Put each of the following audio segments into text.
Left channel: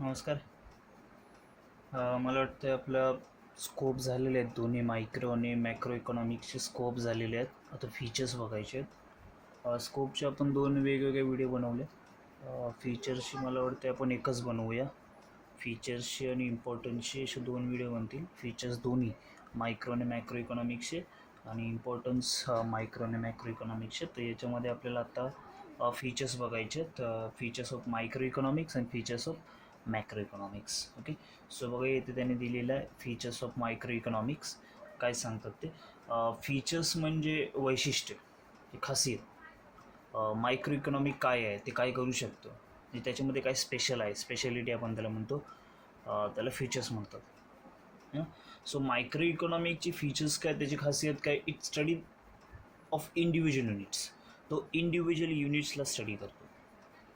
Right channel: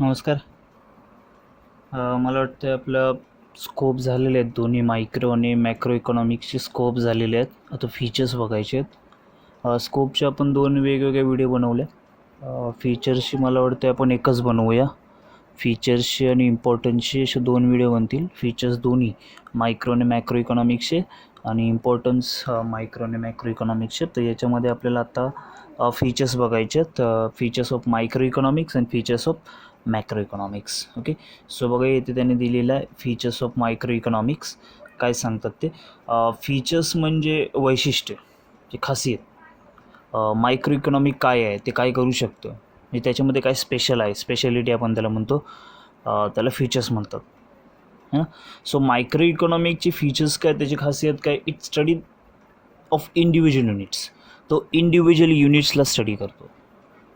नमस्कार. मला वाटतं आपलं स्कोप झालेले आहेत दोन्ही मायक्रो आणि मॅक्रो इकॉनॉमिक्सचे स्कोप झालेले आहेत. आता फीचर्स बघायचे आहेत. स्कोपचे आपण दोन वेगवेगळे व्हिडिओ बनवले. फीचर्सची मला वाटतं आपण एकच बनवूया. फीचर्सचे आणि इम्पॉर्टन्सचे असे दोन व्हिडिओ बनतील. फीचर्स दोन्ही मायक्रो आणि मॅक्रो इकॉनॉमिक्सचे आणि इम्पॉर्टन्स मायक्रो आणि मॅक्रो इकॉनॉमिक्सचे. तर याच्यामध्ये आपल्याला आता फीचर्स बघायचे आहेत. Features of micro economics and features of macro economics. Okay, so बघा इथे त्यांनी दिलेलं आहे फीचर्स ऑफ मायक्रो इकॉनॉमिक्स. काय सांगतात ते? फीचर्स म्हणजे वैशिष्ट्य, जे खासियत. मायक्रो इकॉनॉमिक काय आहे, ते काय करू शकतं, म्हणजे त्याच्यामध्ये काय स्पेशल आहे, स्पेशालिटी आपण त्याला म्हणतो, त्याला फीचर्स म्हणतात. हां, सो मायक्रो इकॉनॉमिकचे फीचर्स काय, त्याची खासियत काय? It study of individual units. तो इंडिव्हिज्युअल युनिट्सला स्टडी करतो.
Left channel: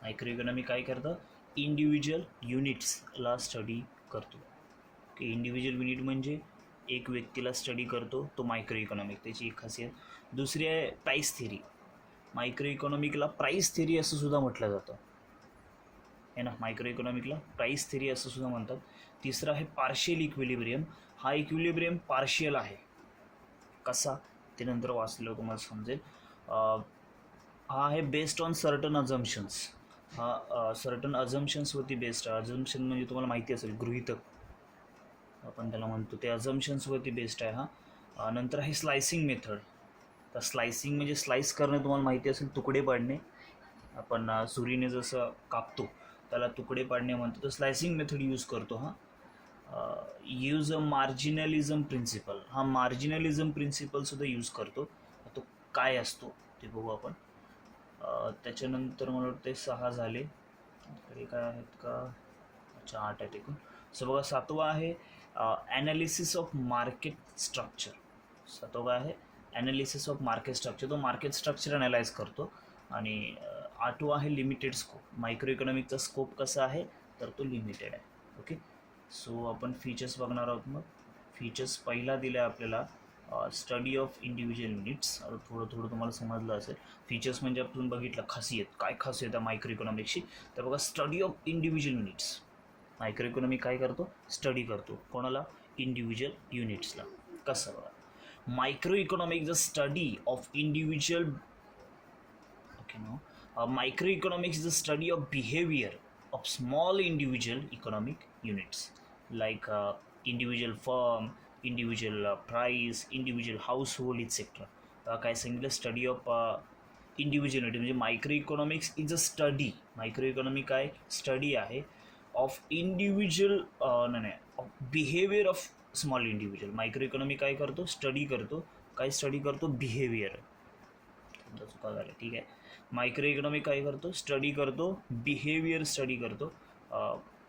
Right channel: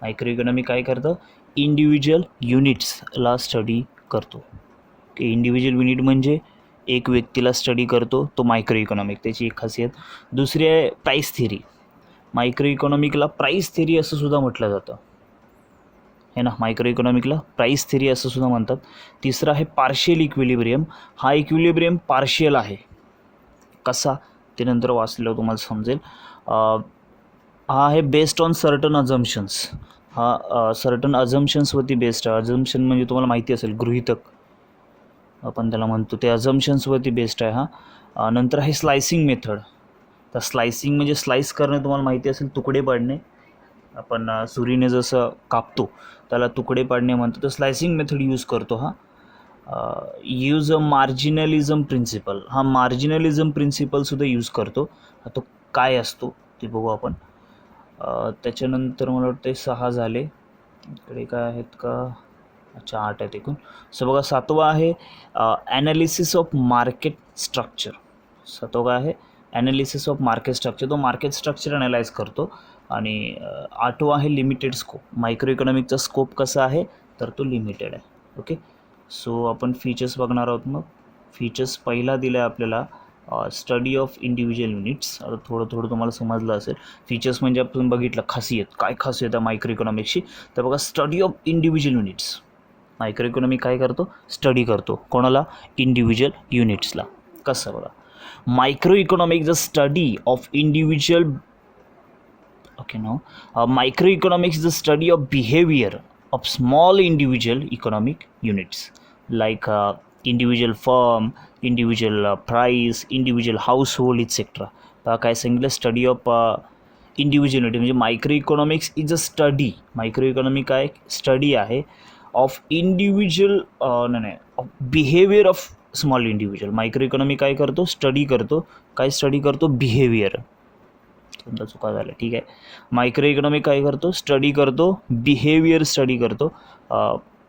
मायक्रो इकॉनॉमी काय करतं? इंडिव्हिज्युअल युनिट्सला स्टडी करतो. की इंडिव्हिज्युअल युनिट म्हणजे एक व्यक्तीला स्टडी करतो, तो मायक्रो इकॉनॉमिक, त्याची एक खासियत. दुसरी आहे प्राईस थिअरी. मायक्रो इकॉनॉमिकला प्राईस थिअरी असं सुद्धा म्हटलं जातं, है ना. मायक्रो इकॉनॉमिकला प्राईस थिअरी असं सुद्धा म्हणतात. तिसरं आहे पार्शियल इक्विलिब्रियम. हा इक्विलिब्रियम पार्शियल आहे. कसा, ते नंतर वाचल्यावर तुम्हाला समजेल. हा आहे बेस्ड ऑन सर्टन अझम्पशन्स. हा सर्टन अझम्पशन्सवरती बेस्ड आहे. अझम्पशन म्हणजे तुम्हाला माहिती असेल, गृहीतक आपण त्याला म्हणतो, ते अझम्पशन्सवरती बेस्ड आहे हा. नंतर आहे स्लायसिंग मेथड. तर स्लायसिंग म्हणजे स्लाइस करणे, तुम्हाला माहिती असेल, तुकडे पाडणे. आपण सुरीने जसं कापतो त्याला तुकडे पाडणे म्हणतो. तर स्लायसिंग मेथड यूज करतो हा. Use a marginalism principle. हा मार्जिनलिझम प्रिन्सिपलसुद्धा यूज करतो. तो काय असतो ते बघू आपण. त्याच्यानंतर मला वाटतं 6 झाले. इकडे काय आहेत का? अच्छा, 8 आहेत एकूण. सो बघा, 7वा आहे ॲनालिसिस ऑफ मार्केट स्ट्रक्चर. 7वा काय आहे? Analysis of market structure. तो मार्केट स्ट्रक्चर ॲनालाइज करतो. आणि 8वा आहे लिमिटेड स्कोप. मायक्रो इकॉनॉमिकचा स्कोप कसा आहे, तर तो लिमिटेड आहे. ओके, सो आपण फीचर्स बघणार आहोत. मग फीचर्स पहिला दिला आहे आपल्याला, स्टडी ऑफ इंडिव्हिज्युअल युनिट्स. आता थोडं थोडं तुम्हाला समजलं असेल. फीचर्स म्हणजे आपण बघितलं खासियत, काय खासियत आहे मायक्रो इकॉनॉमिक्सची. तर बघा, study of individual units. Micro economic काय करतो? स्टडी करतो. कोणाला? इंडिव्हिज्युअल युनिट्सला. कसं बघा, micro economic the study of individual. Okay, now microeconomics is the study of behavior of small individual economic units, like individual firm, individual price, individual household, etc. काय सांगितलं? Study of individual unit. म्हणजे micro economics is a study. Micro economic काय? Study आहे of individual, नाही, of behaviour of small individual. Micro economic काय करतो? Study करतो. काय स्टडी करतो? बिहेवियर. तुमचा चुका झाल्या, ठीक आहे. मायक्रो इकॉनॉमिक काय करतो? स्टडी करतो, बिहेवियर स्टडी करतो.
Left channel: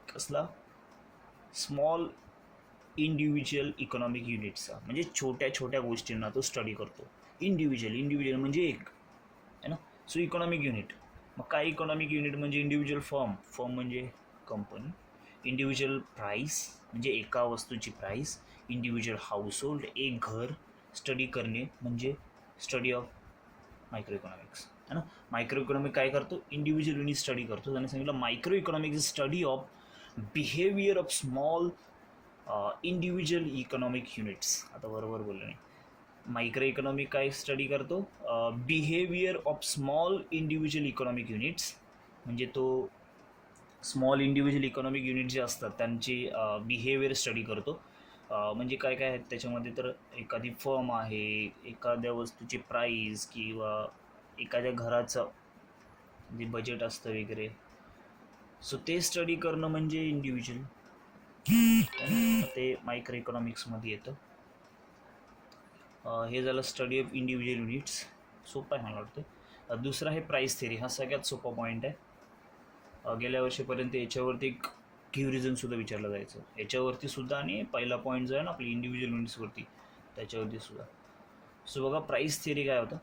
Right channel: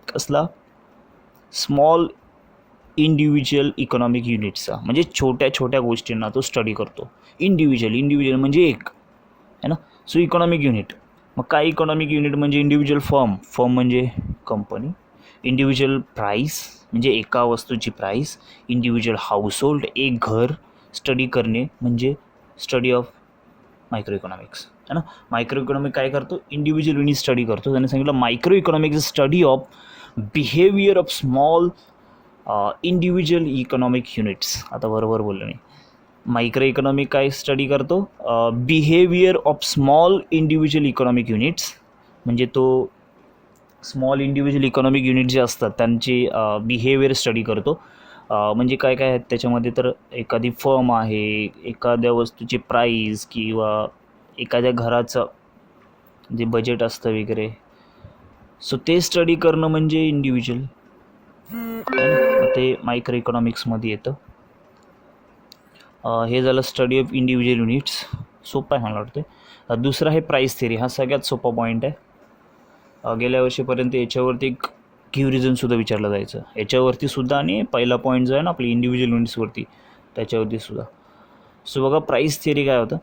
कसला? स्मॉल इंडिव्हिज्युअल इकॉनॉमिक युनिट्सचा. म्हणजे छोट्या छोट्या गोष्टींना तो स्टडी करतो. इंडिव्हिज्युअल म्हणजे एक, है ना. So economic unit. मग काय इकॉनॉमिक युनिट? म्हणजे इंडिव्हिज्युअल फर्म म्हणजे कंपनी. इंडिव्हिज्युअल प्राईस म्हणजे एका वस्तूची प्राईस. इंडिव्हिज्युअल हाऊसहोल्ड, एक घर. स्टडी करणे म्हणजे स्टडी ऑफ मायक्रो इकॉनॉमिक्स, है ना. मायक्रो इकॉनॉमिक काय करतो? इंडिव्हिज्युअल युनिट स्टडी करतो. त्याने सांगितलं micro economic is study of behaviour of small individual economic units. आता बरोबर बोललो मी. मायक्रो इकॉनॉमिक काय स्टडी करतो? Behaviour of small individual economic units. म्हणजे तो स्मॉल इंडिव्हिज्युअल इकॉनॉमिक युनिट जे असतात त्यांची बिहेवियर स्टडी करतो. म्हणजे काय काय आहेत त्याच्यामध्ये? तर एखादी फर्म आहे, एखाद्या वस्तूची प्राईस, किंवा एखाद्या घराचं जे बजेट असतं वगैरे. सो ते स्टडी करणं म्हणजे इंडिव्हिज्युअल, ते मायक्रो इकॉनॉमिक्समध्ये येतं. हे झालं स्टडी ऑफ इंडिव्हिज्युअल युनिट्स. सोपं आहे मला वाटतं. दुसरं आहे प्राईस थिअरी. हा सगळ्यात सोपा पॉईंट आहे. गेल्या वर्षीपर्यंत याच्यावरती एक क्युरिझनसुद्धा विचारलं जायचं, याच्यावरती सुद्धा, आणि पहिला पॉईंट जो आहे ना आपली इंडिव्हिज्युअल युनिट्सवरती, त्याच्यावरती सुद्धा. सो बघा, प्राईस थिअरी काय होतं?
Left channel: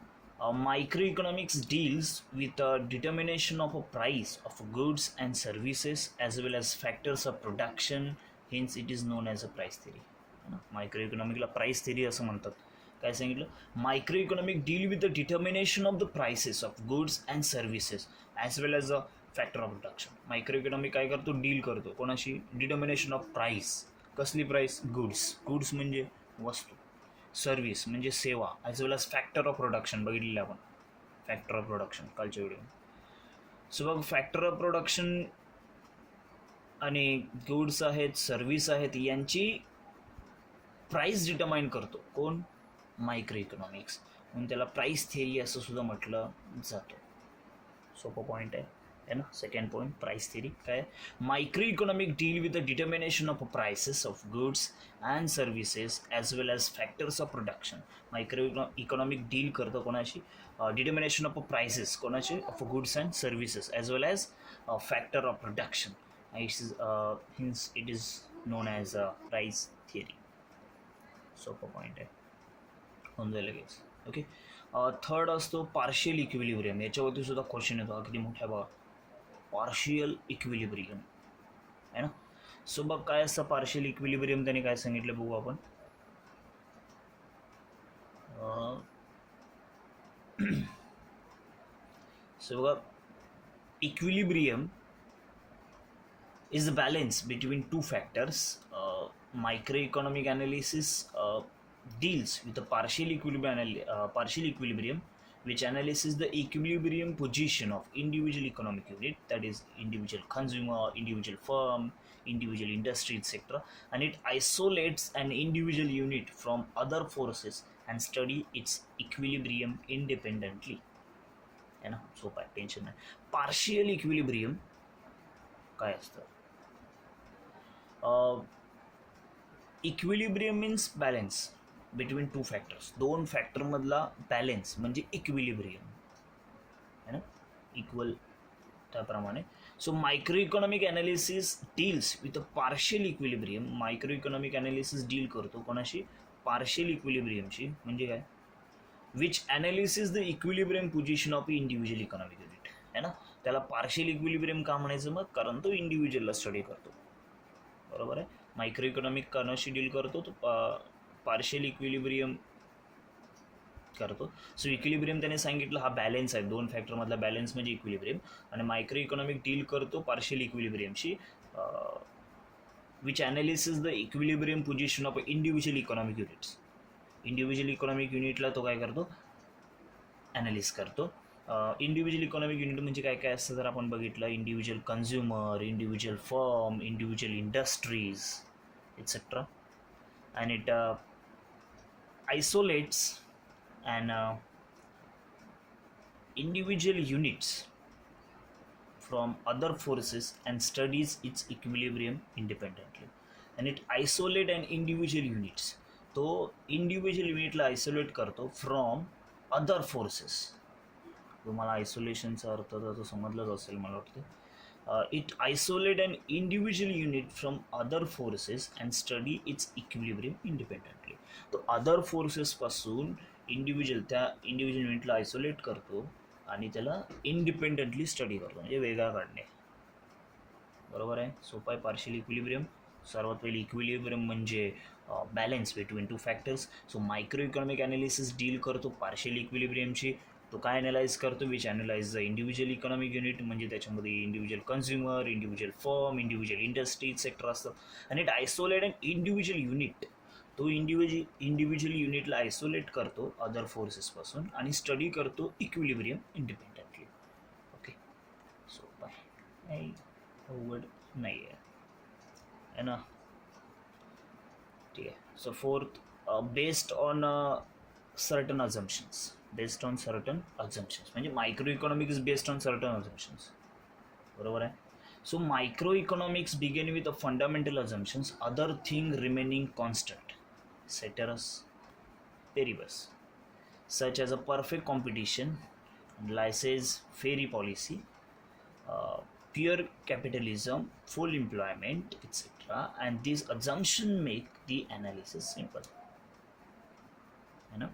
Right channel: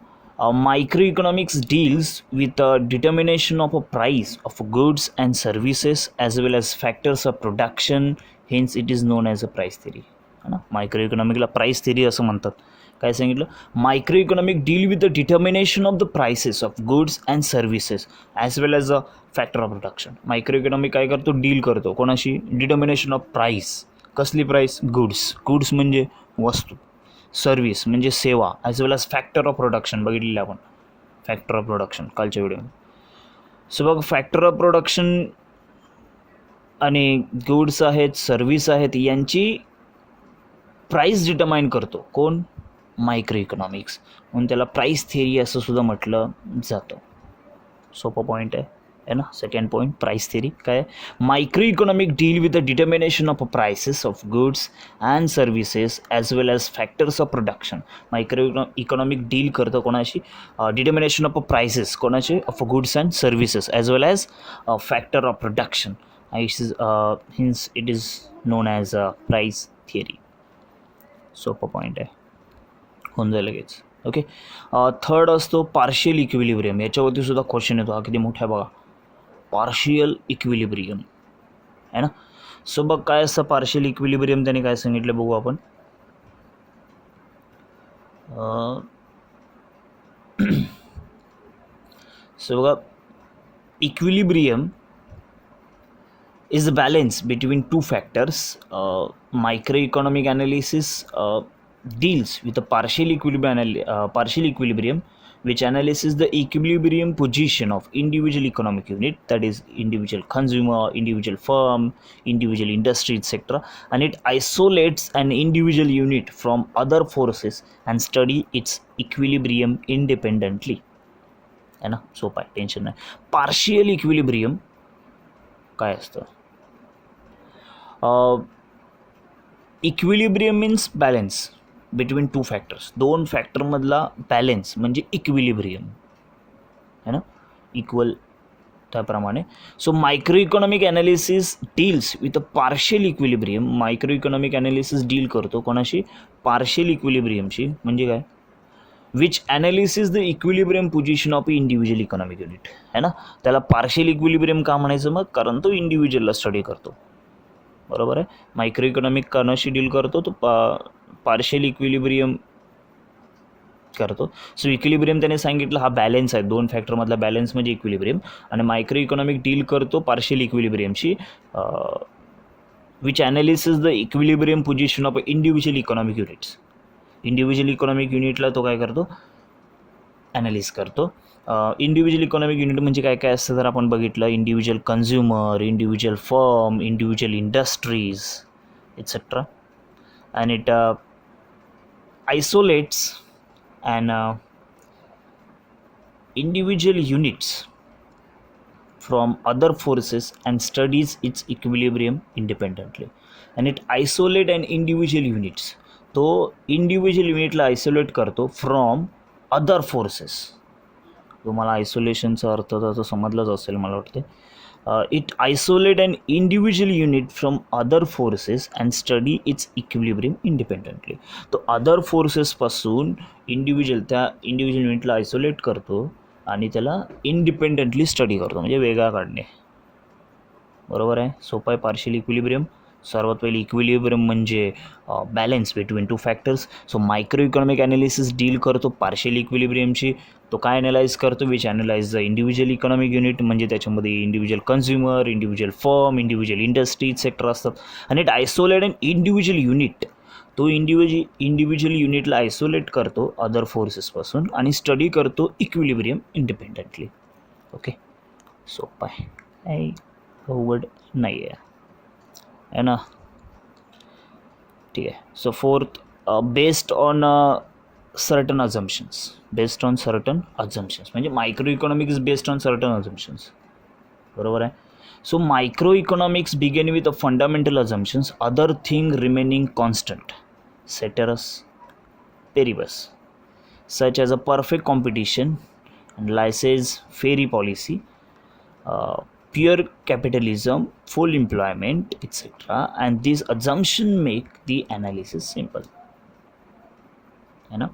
Microeconomics deals with determination of a price of goods and services as well as factors of production. Hence it is known as a price theory, है ना. मायक्रो इकॉनॉमिकला price theory असं म्हणतात. काय सांगितलं? Micro economic deal with the determination of the prices of goods and services as well as a factor of production. Micro economic काय करतो, deal करतो कोणाशी, डिटर्मिनेशन ऑफ प्राईस. कसली प्राईस, गुड्स म्हणजे वस्तू, सर्व्हिस म्हणजे सेवा, as well as factor of production बघितलेलं आपण, फॅक्टर ऑफ प्रोडक्शन कालच्या व्हिडिओमध्ये. सो बघ, फॅक्टर ऑफ प्रोडक्शन आणि गुड्स आहेत, सर्व्हिस आहेत, यांची प्राईस डिटर्माइन करतो कोण, मायक्रो इकॉनॉमिक्स. म्हणून त्याला प्राईस थिअरी असं सुद्धा म्हटलं जातं. सोपा पॉईंट आहे ना. सेकंड पॉईंट, प्राईस थिअरी काय, micro economic deal with the determination of prices of goods and services as well as factors of production. Micro economic deal करतं कोणाशी, डिटर्मिनेशन ऑफ प्राइसेस कोणाचे, of goods and services as well as factor of production. Hence it is known as a price theory. सोपा point आहे, होऊन जाईल लगेच. Okay. Third असतो partial equilibrium. याच्यावरती सुद्धा क्वेश्चन येतो, हा किती मोठा आहे बघा, पार्शियल इक्विलिब्रियम आहे ना. सो बघ काय असतं पार्शियल इक्विलिब्रियम, त्याने काय सांगितलं बघू आपण. सो बघा, equilibrium is the balance between two factors. Microeconomic analysis deals with a partial equilibrium, which analyzes the equilibrium position of individual economic unit, that is individual consumer, individual firm, individual industry, etc., and it isolates an individual unit from other forces and study its equilibrium independently. है ना, सोपा आहे, tension नाही. Partial equilibrium काय असतं, equilibrium means balance between two factors. दोन फॅक्टरमधला balance म्हणजे इक्विलिब्रियम है ना, इक्वल त्याप्रमाणे. So micro economic analysis deals with a partial equilibrium. Micro economic analysis deal करतो कोणाशी, पार्शियल इक्विलिब्रियमशी. म्हणजे काय, which analysis the equilibrium position of individual economic unit है ना. त्याला पार्शियल इक्विलिब्रियम का म्हणायचं मग, कारण तो इंडिव्हिज्युअलला स्टडी करतो, बरोबर आहे. मायक्रो इकॉनॉमिक कोणाशी डील करतो, तो पार्शियल इक्विलिब्रियम करतो. सो इक्विलिब्रियम त्याने सांगितलं हा बॅलेन्स आहे, दोन फॅक्टरमधला बॅलेन्स म्हणजे इक्विलिब्रियम. आणि मायक्रो इकॉनॉमिक डील करतो पार्शियल इक्विलिब्रियमशी, which analysis the equilibrium position of individual economic units. Individual economic युनिटला तो काय करतो, ॲनालिस करतो. इंडिव्हिज्युअल इकॉनॉमिक युनिट म्हणजे काय काय असतं तर आपण बघितलं, individual consumer, individual firm, individual industries etcetera. And it isolates and individual units from other forces and studies its equilibrium independently. And it isolate an individual units. तो इंडिव्हिज्युअल युनिटला isolate करतो फ्रॉम अदर फोर्सेस. तुम्हाला आयसोलेशनचा अर्थ तर समजलाच असेल मला वाटते. It isolate an individual unit from other forces and study it's equilibrium independently. तो अदर फोर्सेसपासून त्या इंडिव्हिज्युअल युनिटला आयसोलेट करतो आणि त्याला इंडिपेंडंटली स्टडी करतो, म्हणजे वेगळा काढणे, बरोबर आहे. सोपं आहे पार्शियल इक्विलिब्रियम. सर्वात पहिले इक्विलिब्रियम म्हणजे balance between two factors. So micro economic analysis deal करतो पार्शियल इक्विलिब्रियमची. तो काय ॲनालाइज करतो, which analyse the individual economic unit, म्हणजे त्याच्यामध्ये individual consumer, individual firm, individual industry etcetera असतात. आणि it isolate an individual unit. तो इंडिव्हिज्युअल युनिटला आयसोलेट करतो अदर फोर्सेसपासून आणि स्टडी करतो इक्विलिब्रियम इंडिपेंडंटली. ओके, सोपं आहे, काही अवघड नाही आहे ना. ठीक आहे. So fourth, based on certain assumptions. Based on certain assumptions म्हणजे micro economics based on certain assumptions, बरोबर आहे. So micro economics begin with a fundamental assumptions, other thing remaining constant, ceteris paribus, such as a perfect competition and laissez-faire policy, pure capitalism, full employment, etc. And these assumptions make the analysis simple. है ना,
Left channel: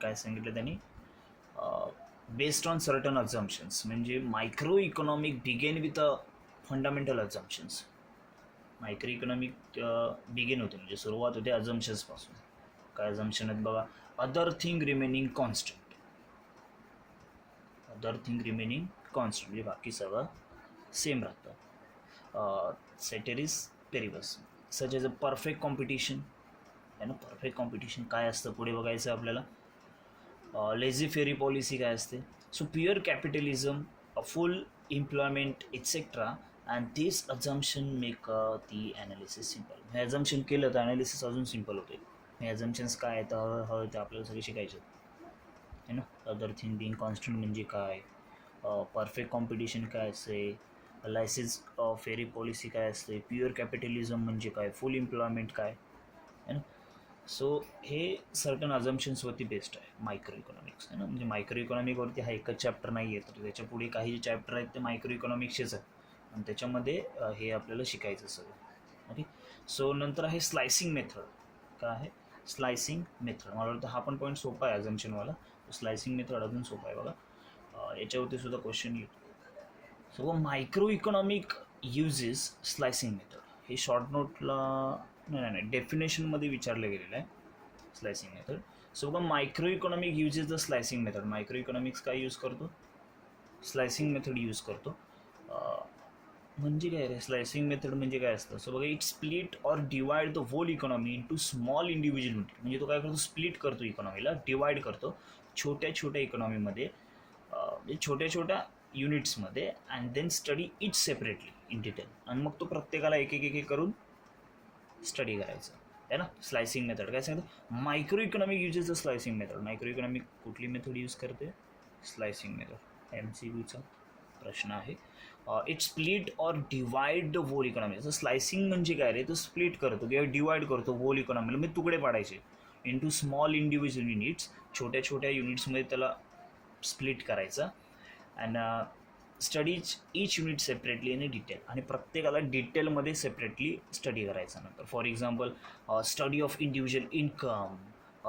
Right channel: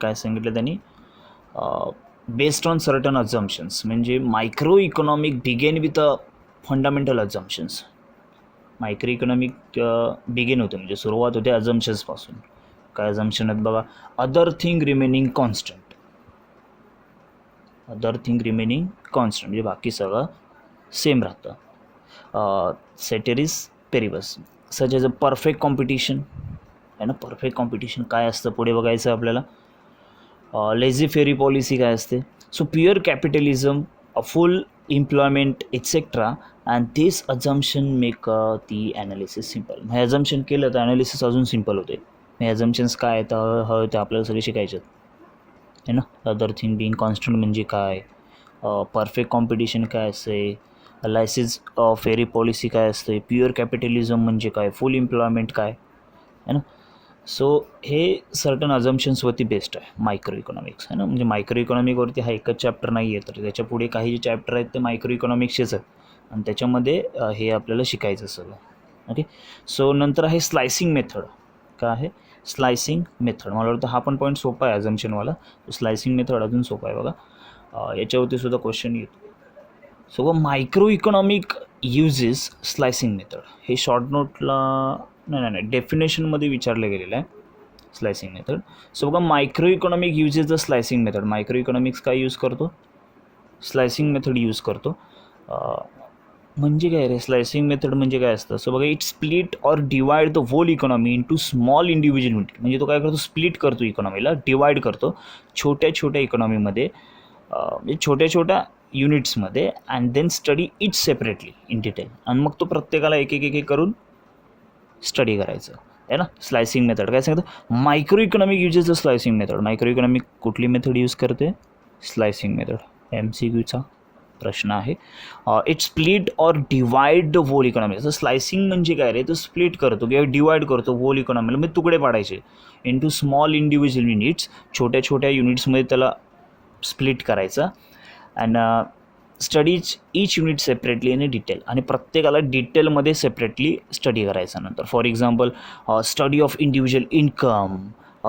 काय सांगितलं त्यांनी, based on certain assumptions म्हणजे micro economic began with a fundamental assumptions. Micro economic begin होते म्हणजे सुरुवात होते अझम्पशन्सपासून. काय अझम्पशन आहेत बघा, other thing remaining constant, other thing remaining constant, म्हणजे बाकी सगळं सेम राहतं. Ceteris paribus such as a perfect competition आहे ना. परफेक्ट कॉम्पिटिशन काय असतं पुढे बघायचं आपल्याला. लेझी फेरी पॉलिसी काय असते. So pure capitalism, full employment etcetera, and this assumption make ती ॲनालिसिस सिम्पल. हे अजम्पशन केलं तर ॲनालिसिस अजून सिम्पल होते. हे अजम्पशन्स काय आहेत हळूहळू ते आपल्याला सगळे शिकायचे आहे ना. अदर थिंग बिंग कॉन्स्टंट म्हणजे काय, परफेक्ट कॉम्पिटिशन काय असते, लायसेस फेरी पॉलिसी काय असते, प्युअर कॅपिटलिझम म्हणजे काय, फुल एम्प्लॉयमेंट काय आहे ना. सो हे सर्टन अजम्पशन्सवरती बेस्ड आहे मायक्रो इकॉनॉमिक्स आहे ना. म्हणजे मायक्रो इकॉनॉमिकवरती हा एकच चॅप्टर नाही आहे, तर त्याच्या पुढे काही जे चॅप्टर आहेत ते मायक्रो इकॉनॉमिक्सचेच आहेत आणि त्याच्यामध्ये हे आपल्याला शिकायचं सगळं. ओके. सो नंतर आहे स्लायसिंग मेथड. काय आहे स्लायसिंग मेथड. मला वाटतं हा पण पॉईंट सोपा आहे अजम्पशनवाला. स्लायसिंग मेथड अजून सोपा आहे बघा. याच्यावरती सुद्धा क्वेश्चन येतो. So micro economic uses slicing method. हे शॉर्ट नोटला नाही डेफिनेशनमध्ये विचारलं गेलेलं आहे स्लायसिंग मेथड. सो बघा micro economic uses the slicing method. Micro economics काय यूज करतो, स्लायसिंग मेथड यूज करतो. म्हणजे काय रे स्लायसिंग मेथड म्हणजे काय असतं. सो बघा it split or divide the whole economy into small individual unit. म्हणजे तो काय करतो स्प्लिट करतो इकॉनॉमीला, डिवाइड करतो छोट्या छोट्या इकॉनॉमीमध्ये, म्हणजे छोट्या छोट्या युनिट्समध्ये, and then study it separately in detail. आणि मग तो प्रत्येकाला एक एक एक करून स्टडी करायचं आहे ना. स्लायसिंग मेथड काय सांगतं, micro economic uses the slicing method. Micro economic कुठली मेथड यूज करते, स्लायसिंग मेथड. MCQचा प्रश्न आहे. It split or divide the whole economy. असं स्लायसिंग म्हणजे काय रे, तो स्प्लिट करतो किंवा डिवाइड करतो होल इकॉनॉमीला, म्हणजे तुकडे पाडायचे इंटू स्मॉल इंडिव्हिज्युअल युनिट्स. छोट्या छोट्या युनिट्समध्ये त्याला स्प्लिट करायचं. And studies each unit separately in detail. आणि प्रत्येकाला डिटेलमध्ये सेपरेटली स्टडी करायचं. नंतर for example study of individual income,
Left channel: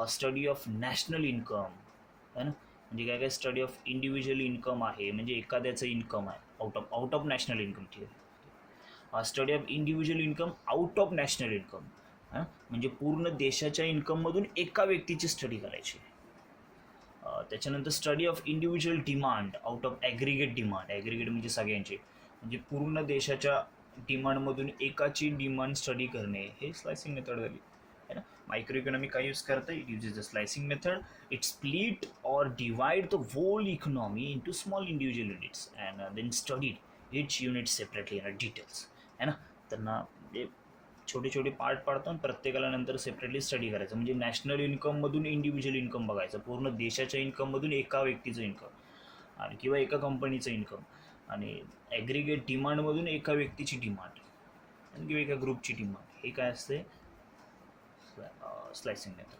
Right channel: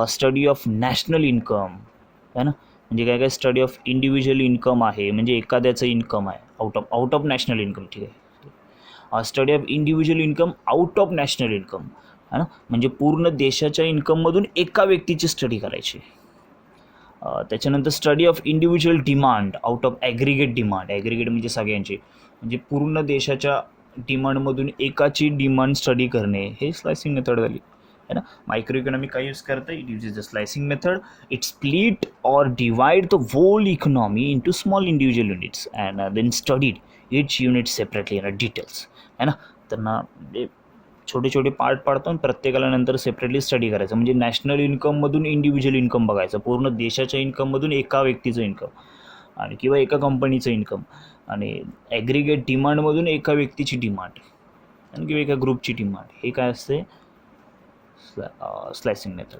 study of national income आहे ना. म्हणजे काय काय स्टडी ऑफ इंडिव्हिज्युअल इन्कम आहे म्हणजे एखाद्याचं इन्कम आहे आउट ऑफ नॅशनल इन्कम. ठीक आहे. Study of individual income out of national income आहे ना. म्हणजे पूर्ण देशाच्या इन्कममधून एका व्यक्तीची स्टडी करायची. त्याच्यानंतर study of individual demand out of aggregate demand. Aggregate म्हणजे सगळ्यांची, म्हणजे पूर्ण देशाच्या डिमांडमधून एकाची डिमांड स्टडी करणे, हे स्लायसिंग मेथड झाली है ना. मायक्रो इकॉनॉमिक काय यूज करतं, it uses the slicing method. It split or divide the whole economy into small individual units and then studied each unit separately in details है ना. त्यांना छोटे छोटे पार्ट पाडतो आणि प्रत्येकाला नंतर सेपरेटली स्टडी करायचं. म्हणजे नॅशनल इन्कममधून इंडिव्हिज्युअल इन्कम बघायचं, पूर्ण देशाच्या इन्कममधून एका व्यक्तीचं इन्कम आणि किंवा एका कंपनीचं इन्कम, आणि ॲग्रिगेट डिमांडमधून एका व्यक्तीची डिमांड आणि किंवा एका ग्रुपची डिमांड. हे काय असते स्लायसिंग मेथड.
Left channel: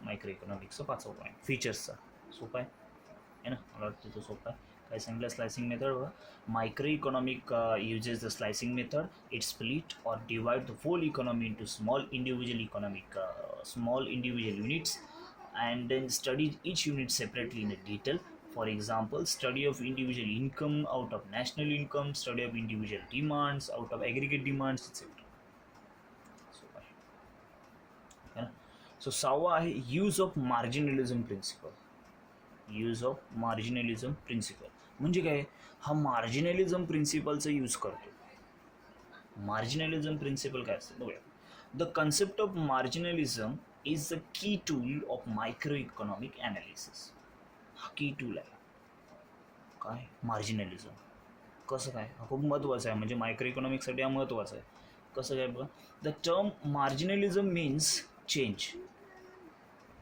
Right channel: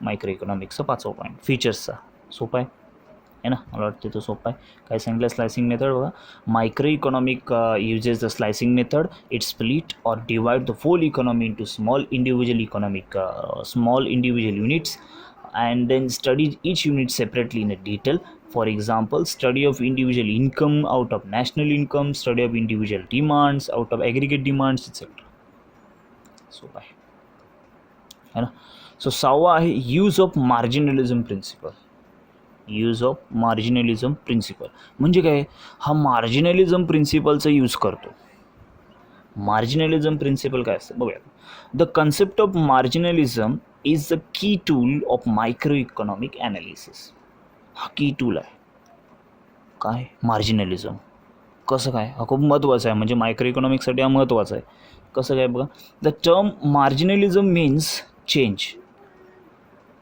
मायक्रो इकॉनॉमिक्सचा 5वा पॉईंट फीचर्सचा. सोपा आहे ना, मला वाटतं तो सोपा आहे. काय सांगितलं स्लायसिंग मेथड बघा, micro economic uses the slicing method. It split or divide the whole economy into small individual units and then studies each unit separately in a detail. For example, study of individual income out of national income, study of individual demands out of aggregate demands, etc. So है ना. So 6वा आहे use of marginalism principle. Use of marginalism principle म्हणजे काय, हा मार्जिनलिझम प्रिन्सिपलचा use करतो. मार्जिनलिझम principal काय असतं बघूया. The concept of marginalism is the key tool of micro economic analysis. हा की टूल आहे काय मार्जिनलिझम. कसं काय, हा खूप महत्त्वाचा आहे, म्हणजे मायक्रो इकॉनॉमिक्ससाठी हा महत्त्वाचा आहे. कसं काय बघा, the term marginalism means change.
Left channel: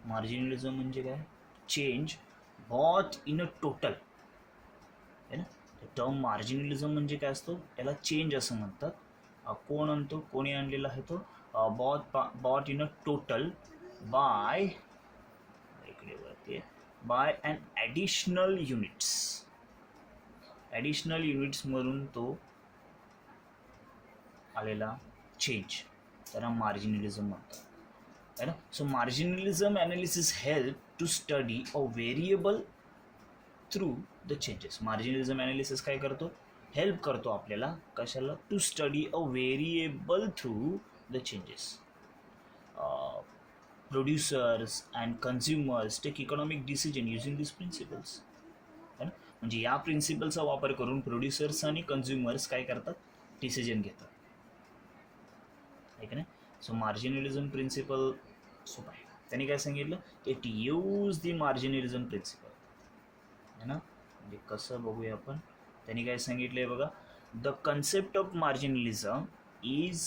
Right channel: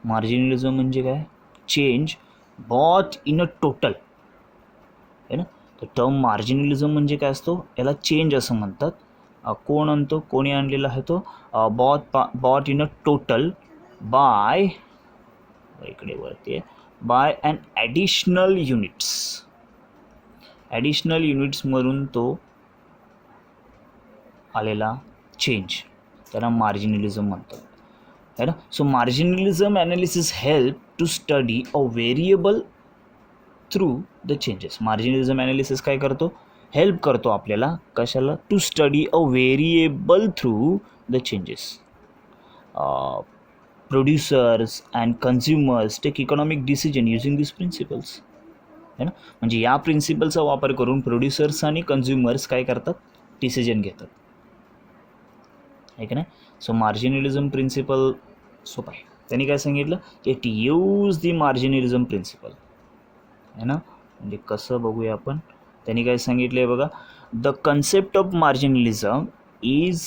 Marginalism म्हणजे काय, change bought in a total आहे ना. तर टर्म मार्जिनलिझम म्हणजे काय असतो, याला चेंज असं म्हणतात. कोण आणतो, कोणी आणलेला आहे तो, both in a total by, इकडे वरती आहे, by and additional units. Additional युनिट्समधून तो आलेला चेंज त्याला मार्जिनलिझम म्हणतात है ना. So marginalism analysis help to study a variable through the changes. Marginalism analysis काय करतो, हेल्प करतो आपल्याला कशाला, to study a variable through the changes. Producers and consumers take economic decision using this principles. आहे ना. म्हणजे या प्रिन्सिपलचा वापर करून प्रोड्युसर्स आणि कन्झ्युमर्स काय करतात, डिसिजन घेतात, आहे की नाही. सो मार्जिनलिझम प्रिन्सिपल सोपं आहे. त्यांनी काय सांगितलं, इट यूज दी मार्जिनलिझम प्रिन्सिपल, आहे ना. म्हणजे कसं बघूया आपण. त्यांनी काय सांगितलं आहे बघा, the concept of marginalism is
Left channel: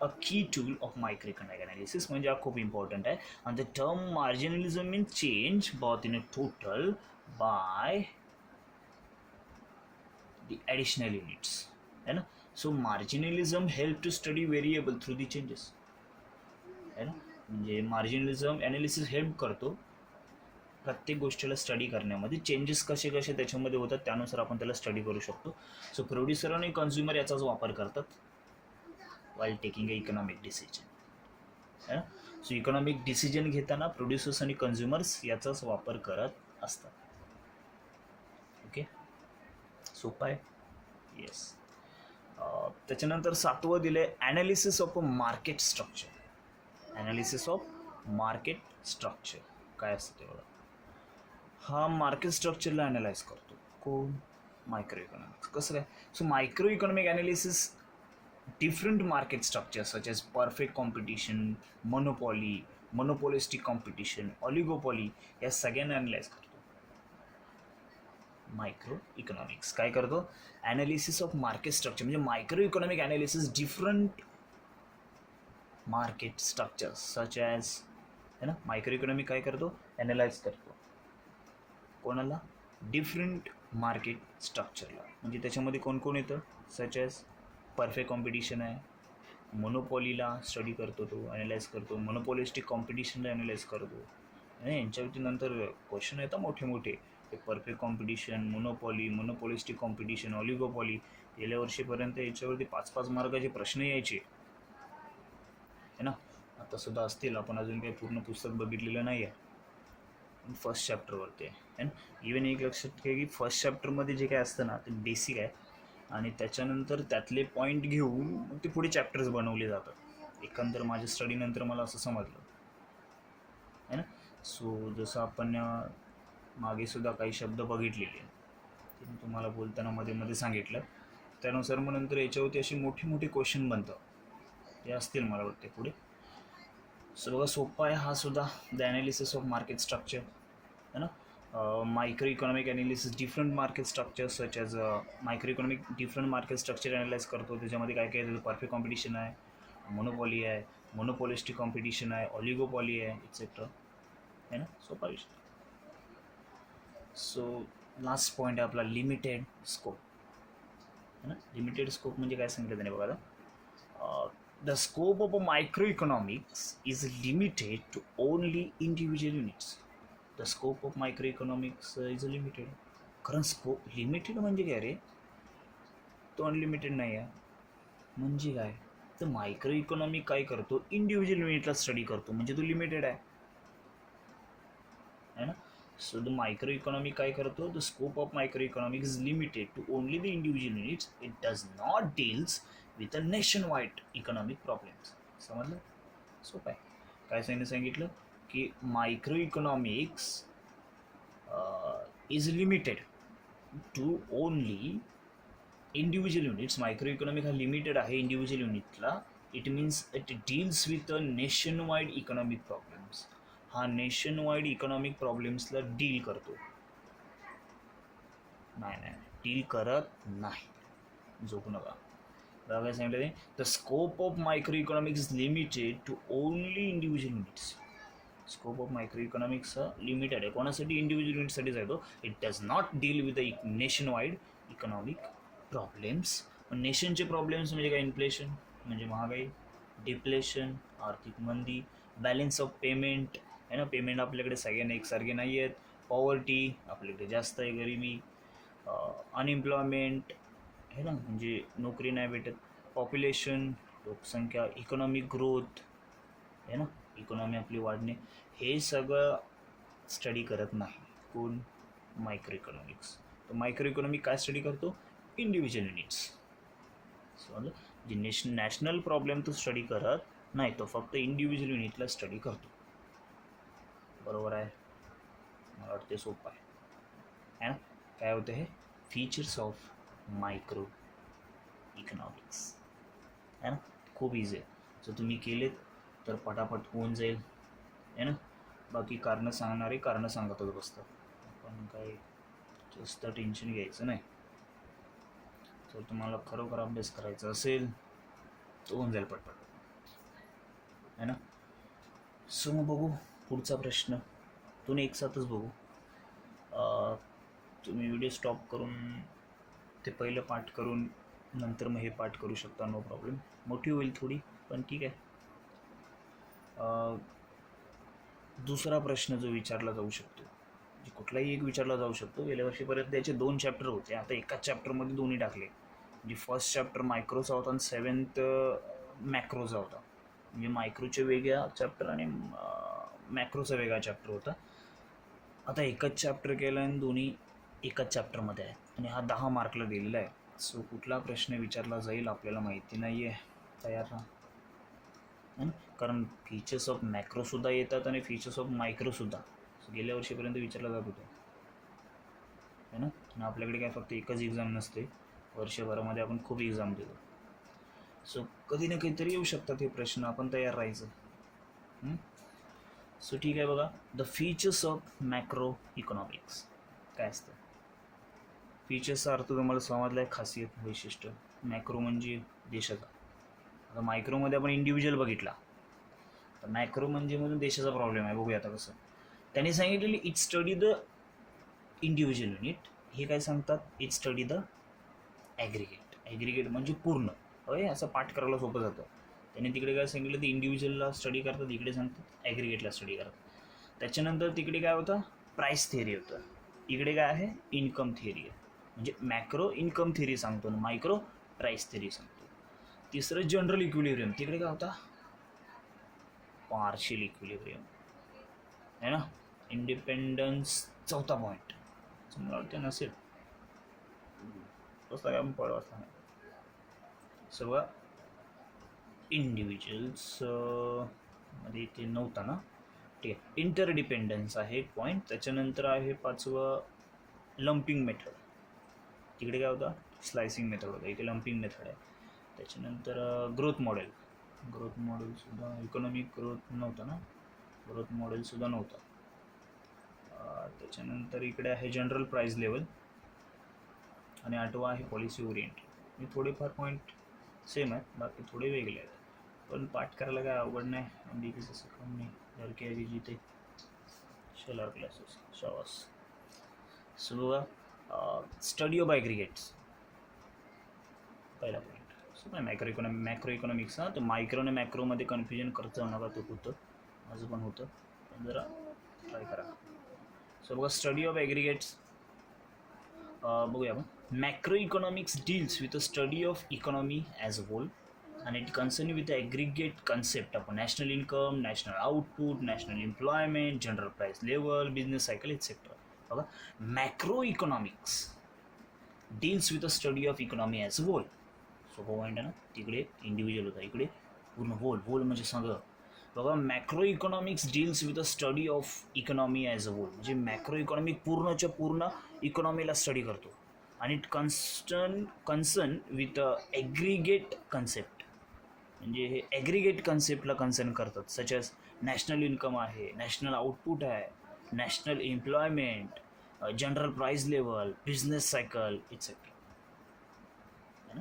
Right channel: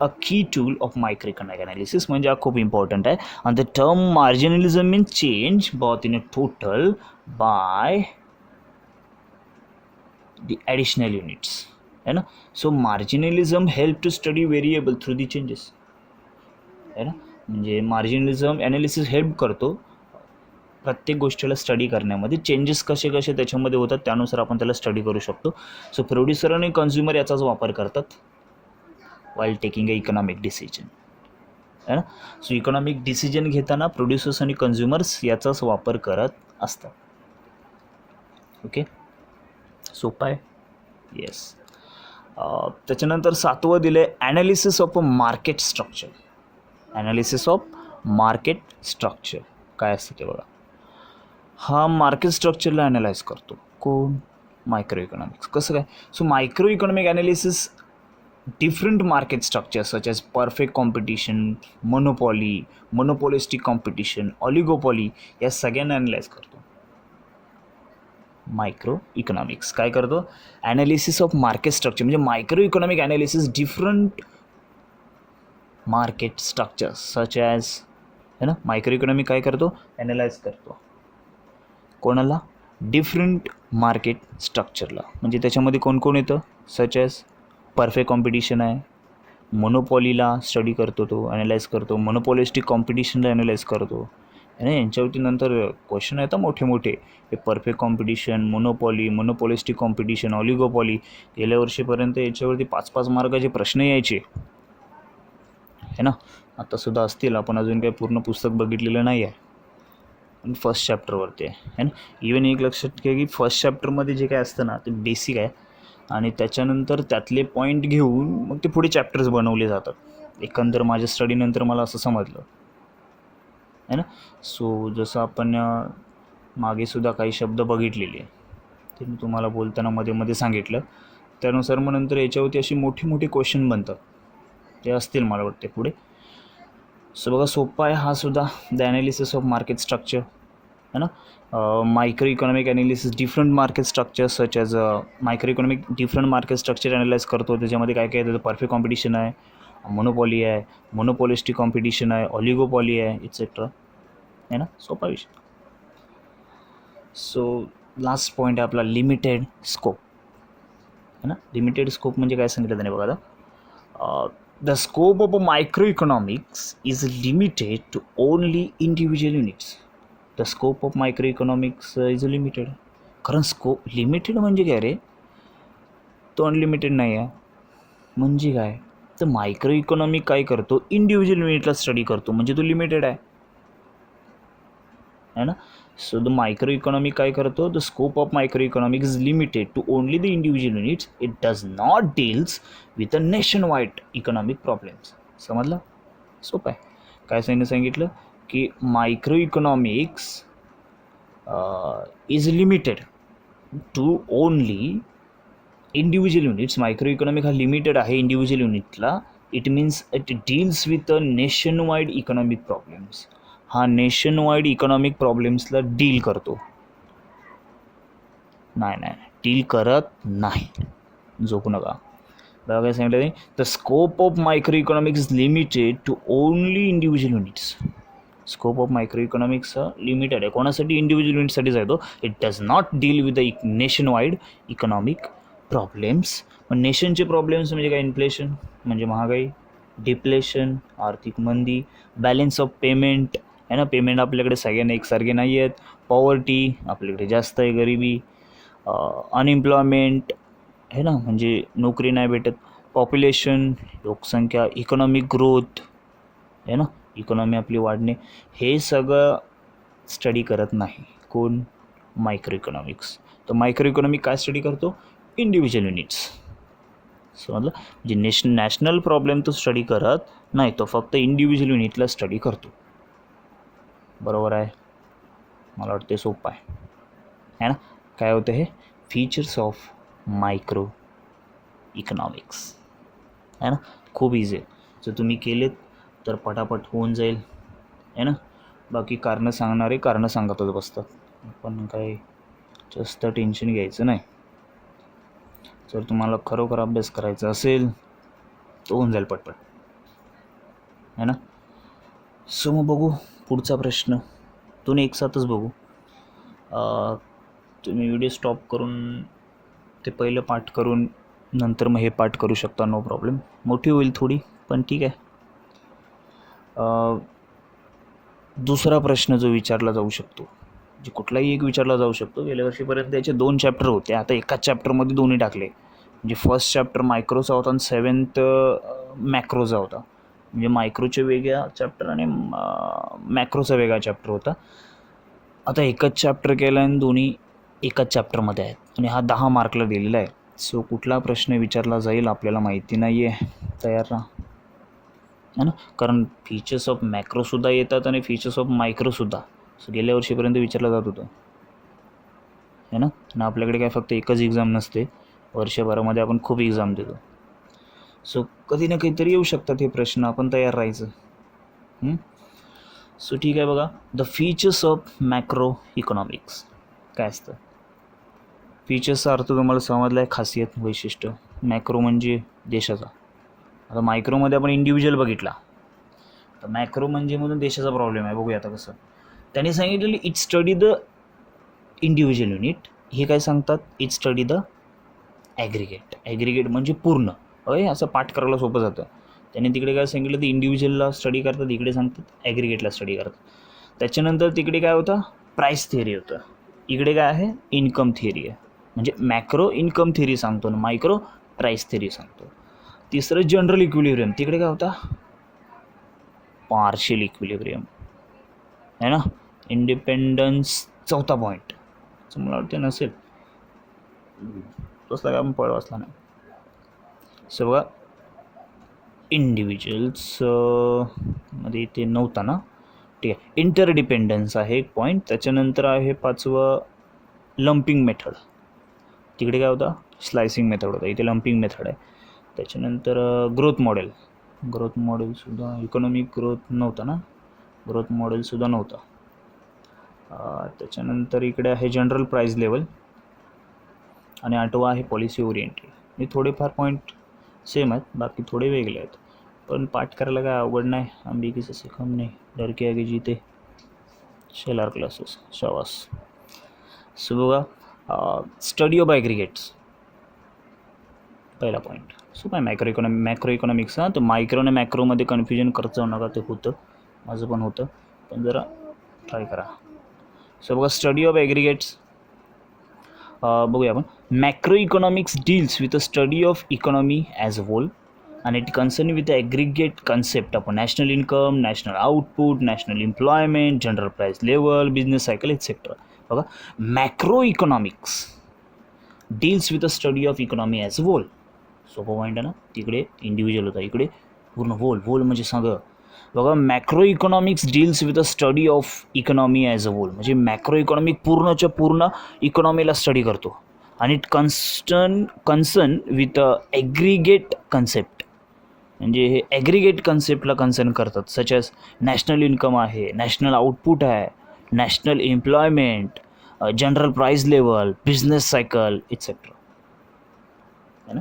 a key tool of मायक्रोइकॉनॉमिक analysis. म्हणजे हा खूप इम्पॉर्टंट आहे. आणि the term marginalism mean change both in a total by the additional units, है ना. So marginalism help to study variable through the changes, है ना. म्हणजे मार्जिनलिझम ॲनालिसिस हेल्प करतो प्रत्येक गोष्टीला स्टडी करण्यामध्ये, चेंजेस कसे कसे त्याच्यामध्ये होतात त्यानुसार आपण त्याला स्टडी करू शकतो. सो प्रोड्युसर आणि कन्झ्युमर याचाच वापर करतात while taking a economic decision, है ना. सो इकॉनॉमिक डिसिजन घेताना प्रोड्युसर्स आणि कन्झ्युमर्स याचाच वापर करत असतात. ओके, सोपं आहे. येस. त्याच्यानंतर 7वं दिलं आहे analysis of a market structure. Analysis of market structure काय असतं ते बघा. हा मार्केट स्ट्रक्चरला ॲनालाइज करतो कोण, मायक्रो इकॉनॉमिक्स. कसं काय. So micro economic analysis different market structure such as perfect competition, monopoly, monopolistic competition, oligopoly या सगळ्यांना ॲनालाइज करतो. मायक्रो इकॉनॉमिक्स काय करतो, ॲनालिसिस ऑफ मार्केट स्ट्रक्चर. म्हणजे micro economic analysis different market structure such as, है ना. मायक्रो इकॉनॉमिक काय करतो, ॲनालाइज करतो कोणाला, डिफरंट मार्केट स्ट्रक्चरला. म्हणजे त्याच्यामध्ये कोण कोण येतं, सच ॲज परफेक्ट कॉम्पिटिशन आहे, मोनोपॉलीला स्टडी करतो तो, ॲनालाइज करतो, मोनोपॉलिस्टिक कॉम्पिटिशनला ॲनालाइज करतो, आणि यांच्यावरती नंतर क्वेश्चन येतात मोठे मोठे. हे perfect competition, monopoly, monopolistic competition, ऑलिगोपॉली. गेल्या वर्षीपर्यंत याच्यावरती 5-5 मार्काचे प्रश्न यायचे, है ना. आत्तासुद्धा असतील, आपण अजून काही पूर्ण पुस्तक बघितलेलं नाही आहे, पण फर्स्ट चॅप्टरवरती आहे ना. इवन एक लक्षात घ्या की फर्स्ट चॅप्टरमध्ये जे काय असतं ना ते बेसिक आहे, आणि त्याच्यानंतर त्यातले पॉईंट घेऊन मग ते पुढे चॅप्टर्स बनवले जातात. एकंदर माझ्या स्टडीनंतर मला असं समजलं, है ना. सो जसं आपण मागेसुद्धा काही शब्द बघितलेले आहे, ते मी तुम्हाला बोलताना मध्ये मध्ये सांगितलं. त्यानुसार मग नंतर याच्यावरती अशी मोठी मोठी क्वेश्चन बनतात, ते असतील मला वाटते पुढे. सो बघा सोपा आहे हा सुद्धा, the analysis of market structure, है ना. Micro economic analysis different market structure such as micro economic different market structure analyse करतो. त्याच्यामध्ये काय काय येतं, परफेक्ट कॉम्पिटिशन आहे, मोनोपॉली आहे, मोनोपॉलिस्टिक कॉम्पिटिशन आहे, ऑलिगोपॉली आहे, इट्सेट्रा, है ना. सोपा विषय. सो लास्ट पॉईंट आहे आपला लिमिटेड स्कोप, है ना. लिमिटेड स्कोप म्हणजे काय सांगितलं त्याने बघा आता. The scope of microeconomics is limited to only individual units. The scope of microeconomics is limited. कारण स्कोप लिमिटेड म्हणजे काय रे, तो अनलिमिटेड नाही आहे. म्हणजे काय, तर मायक्रो इकॉनॉमिक काय करतो, इंडिव्हिज्युअल युनिटला स्टडी करतो, म्हणजे तो लिमिटेड आहे, है ना. सो द मायक्रो इकॉनॉमिक काय करतो, the scope of micro economic is limited to only the individual units. It does not deals with a nation wide economic problems. समजलं, सोपं आहे. काय सांगितलं की micro economics is limited to only individual units. Micro economic हा limited आहे individual युनिटला. It means it deals with a nation wide economic problems. हा नेशन वाईड इकॉनॉमिक प्रॉब्लेम्सला डील करतो. नाही डील करत नाही, झोपू नका. बघा काय सांगितलं, the scope of micro economics is limited to only individual units. Scope of micro economics limited आहे कोणासाठी, इंडिव्हिज्युअल युनिटसाठीच आहे तो. It does not deal with the nation wide economic problems. पण नेशनचे प्रॉब्लेम्स म्हणजे काय, इन्फ्लेशन म्हणजे महागाई, डिप्लेशन आर्थिक मंदी, बॅलन्स ऑफ पेमेंट, आहे ना. पेमेंट आपल्याकडे सगळ्यांना एकसारखे नाही आहेत, पॉवर्टी आपल्याकडे जास्त आहे, गरिबी, अनएम्प्लॉयमेंट, है ना, म्हणजे नोकरी नाही भेटत, पॉप्युलेशन लोकसंख्या, इकॉनॉमिक ग्रोथ, है ना, इकॉनॉमी आपली वाढणे. हे सगळं स्टडी करत नाही कोण, मायक्रो इकॉनॉमिक्स. तर मायक्रो इकॉनॉमिक काय स्टडी करतो, इंडिव्हिज्युअल युनिट्स. समजलं, म्हणजे नॅशनल प्रॉब्लेम तो स्टडी करत नाही, तो फक्त इंडिव्हिज्युअल युनिटला स्टडी करतो. बरोबर आहे, मला वाटते सोपं आहे ना. काय होतं हे फीचर्स ऑफ मायक्रो इकॉनॉमिक्स आहे ना. खूप इझी आहे, जर तुम्ही केलेत तर पटापट होऊन जाईल आहे ना. बाकी कारणं सांगणारे कारणं सांगतच बसतात, पण काही जास्त टेन्शन घ्यायचं नाही. जर तुम्हाला खरोखर अभ्यास करायचा असेल तर होऊन जाईल पटपट है ना. सो मग बघू पुढचा प्रश्न, तुम्ही एक साथच बघू. तुम्ही व्हिडिओ स्टॉप करून ते पहिलं पाठ करून नंतर मग हे पाठ करू शकता, नो प्रॉब्लेम. मोठी होईल थोडी पण ठीक आहे. दुसरा प्रश्न जो विचारला जाऊ शकतो, जे कुठलाही एक विचारला जाऊ शकतो. गेल्या वर्षीपर्यंत याचे 2 चॅप्टर होते, आता एकाच चॅप्टरमध्ये दोन्ही टाकले. म्हणजे फर्स्ट चॅप्टर मायक्रोचा होता आणि 7th मॅक्रोचा होता. म्हणजे मायक्रोचे वेगळा चॅप्टर आणि मॅक्रोचा वेगळा चॅप्टर होता. आता एकच चॅप्टर केलं आणि दोन्ही एकाच चॅप्टरमध्ये आहेत आणि हा 10 मार्कला दिलेला आहे. सो कुठला प्रश्न विचारला जाईल आपल्याला माहिती नाही आहे, तयार राहा है ना. कारण फीचर्स ऑफ मॅक्रोसुद्धा येतात आणि फीचर्स ऑफ मायक्रोसुद्धा. सो गेल्या वर्षीपर्यंत विचारलं जात होतं है ना. आणि आपल्याकडे काय फक्त एकच एक्झाम नसते, वर्षभरामध्ये आपण खूप एक्झाम देतो. सो कधी ना कधीतरी येऊ शकतात हे प्रश्न, आपण तयार राहायचं. सो ठीक आहे. बघा, the features of macro economics काय असतं. फीचर्सचा अर्थ तुम्हाला समजला आहे, खासियत, वैशिष्ट्य. मॅक्रो म्हणजे देशाचा. आता मायक्रोमध्ये आपण इंडिव्हिज्युअल बघितला, तर मॅक्रो म्हणजे म्हणून देशाचा प्रॉब्लेम आहे. बघूया आता कसं. त्यांनी सांगितलेलं it study the individual unit. हे काय सांगतात, it study the aggregate. Aggregate म्हणजे पूर्ण. असं पाठ करायला सोपं जातं. त्यांनी तिकडे काय सांगितलं, ते इंडिव्हिज्युअलला स्टडी करतात, इकडे सांगतात ॲग्रिगेटला स्टडी करतात. त्याच्यानंतर तिकडे काय होतं, प्राईस थिअरी होतं. इकडे काय आहे, इन्कम थिअरी आहे. म्हणजे मॅक्रो इन्कम थिअरी सांगतो आणि मायक्रो प्राईस थिअरी सांगतो. तिसरं जनरल इक्विलिब्रियम. तिकडे काय होता, पार्शियल इक्विलिब्रियम है ना. इंडिपेंडन्स चौथा पॉईंट, मला वाटतं नसेल तसला काय आपण वाचला नाही. सो बघा, इंडिव्हिज्युअल्स मध्ये ते नव्हता ना, ठीक आहे. इंटरडिपेंडन्स आहे एक पॉईंट. त्याच्यानंतर आहे 5वं लंपिंग मेथड. तिकडे काय होता, स्लायसिंग मेथड होता, इथे लंपिंग मेथड आहे. त्याच्यानंतर ग्रोथ मॉडेलसुद्धा, इकॉनॉमिक ग्रोथ नव्हता ना, ग्रोथ मॉडेलसुद्धा नव्हता. त्याच्यानंतर इकडे आहे जनरल प्राईज लेवल आणि 8वा आहे पॉलिसी ओरिएंटेड. हे थोडेफार पॉईंट सेम आहेत, बाकी थोडे वेगळे आहेत, पण पाठ करायला काय अवघड नाही. आंबी किसी से कम नाही, डर के आगे जीते, शेलार क्लासेस, शाबास. सो बघा, स्टडी ऑफ ॲग्रिगेट्स पहिला पॉईंट. सो काय मॅक्रो इकॉनॉमिक्स. तर मायक्रो आणि मॅक्रोमध्ये कन्फ्युजन करत जाऊ नका, ते होतं, माझं पण होतं, पण जरा ट्राय करा. सो बघा, स्टडी ऑफ ॲग्रिगेट्स बघूया आपण. Macro economics deals with a study of economy as a hole and it concerned with the aggregate concept of national income, national output, national employment, general price level, business cycle, etc. बघा, macro economics deals with a study of economy as a hole. सोपं point आहे ना. तिकडे individual होता, इकडे पूर्ण hole म्हणजे सगळं. बघा, macro economics deals with a study of economy as a whole म्हणजे मॅक्रो इकॉनॉमिक पूर्णच्या पूर्ण इकॉनॉमीला स्टडी करतो. आणि it concern with a aggregate concept. म्हणजे हे ॲग्रिगेट कन्सेप्टला कन्सर्न करतात, सच ॲज नॅशनल इन्कम आहे, नॅशनल आउटपुट आहे, national employment, general price level, business cycle, etcetera है ना.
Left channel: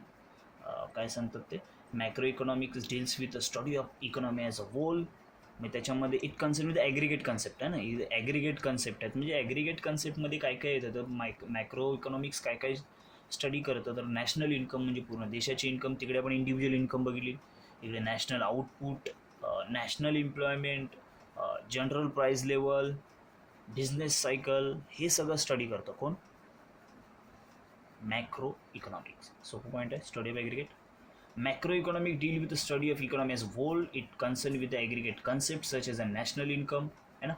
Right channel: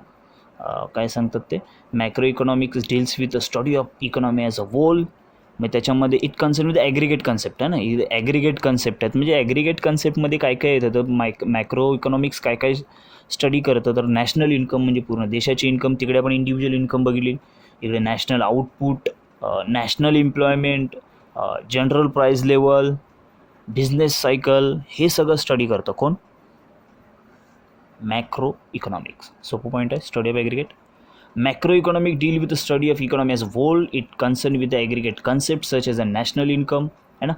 काय सांगतात ते, macro economics deals with a study of economy as a whole. मग त्याच्यामध्ये it concern with aggregate concept आहे ना, ॲग्रिगेट कन्सेप्ट आहेत. म्हणजे ॲग्रिगेट कन्सेप्टमध्ये काय काय येतं, तर मॅक्रो इकॉनॉमिक्स काय काय स्टडी करतं, तर नॅशनल इन्कम म्हणजे पूर्ण देशाची इन्कम, तिकडे आपण इंडिव्हिज्युअल इन्कम बघितली. इकडे national output, national employment, general price level, business cycle, हे सगळं स्टडी करतं कोण, मॅक्रो इकॉनॉमिक्स. सोपं पॉईंट आहे, study of aggregate. Macro economic deal with the study of economy as a whole. It concern with the aggregate concept such as a national income है ना.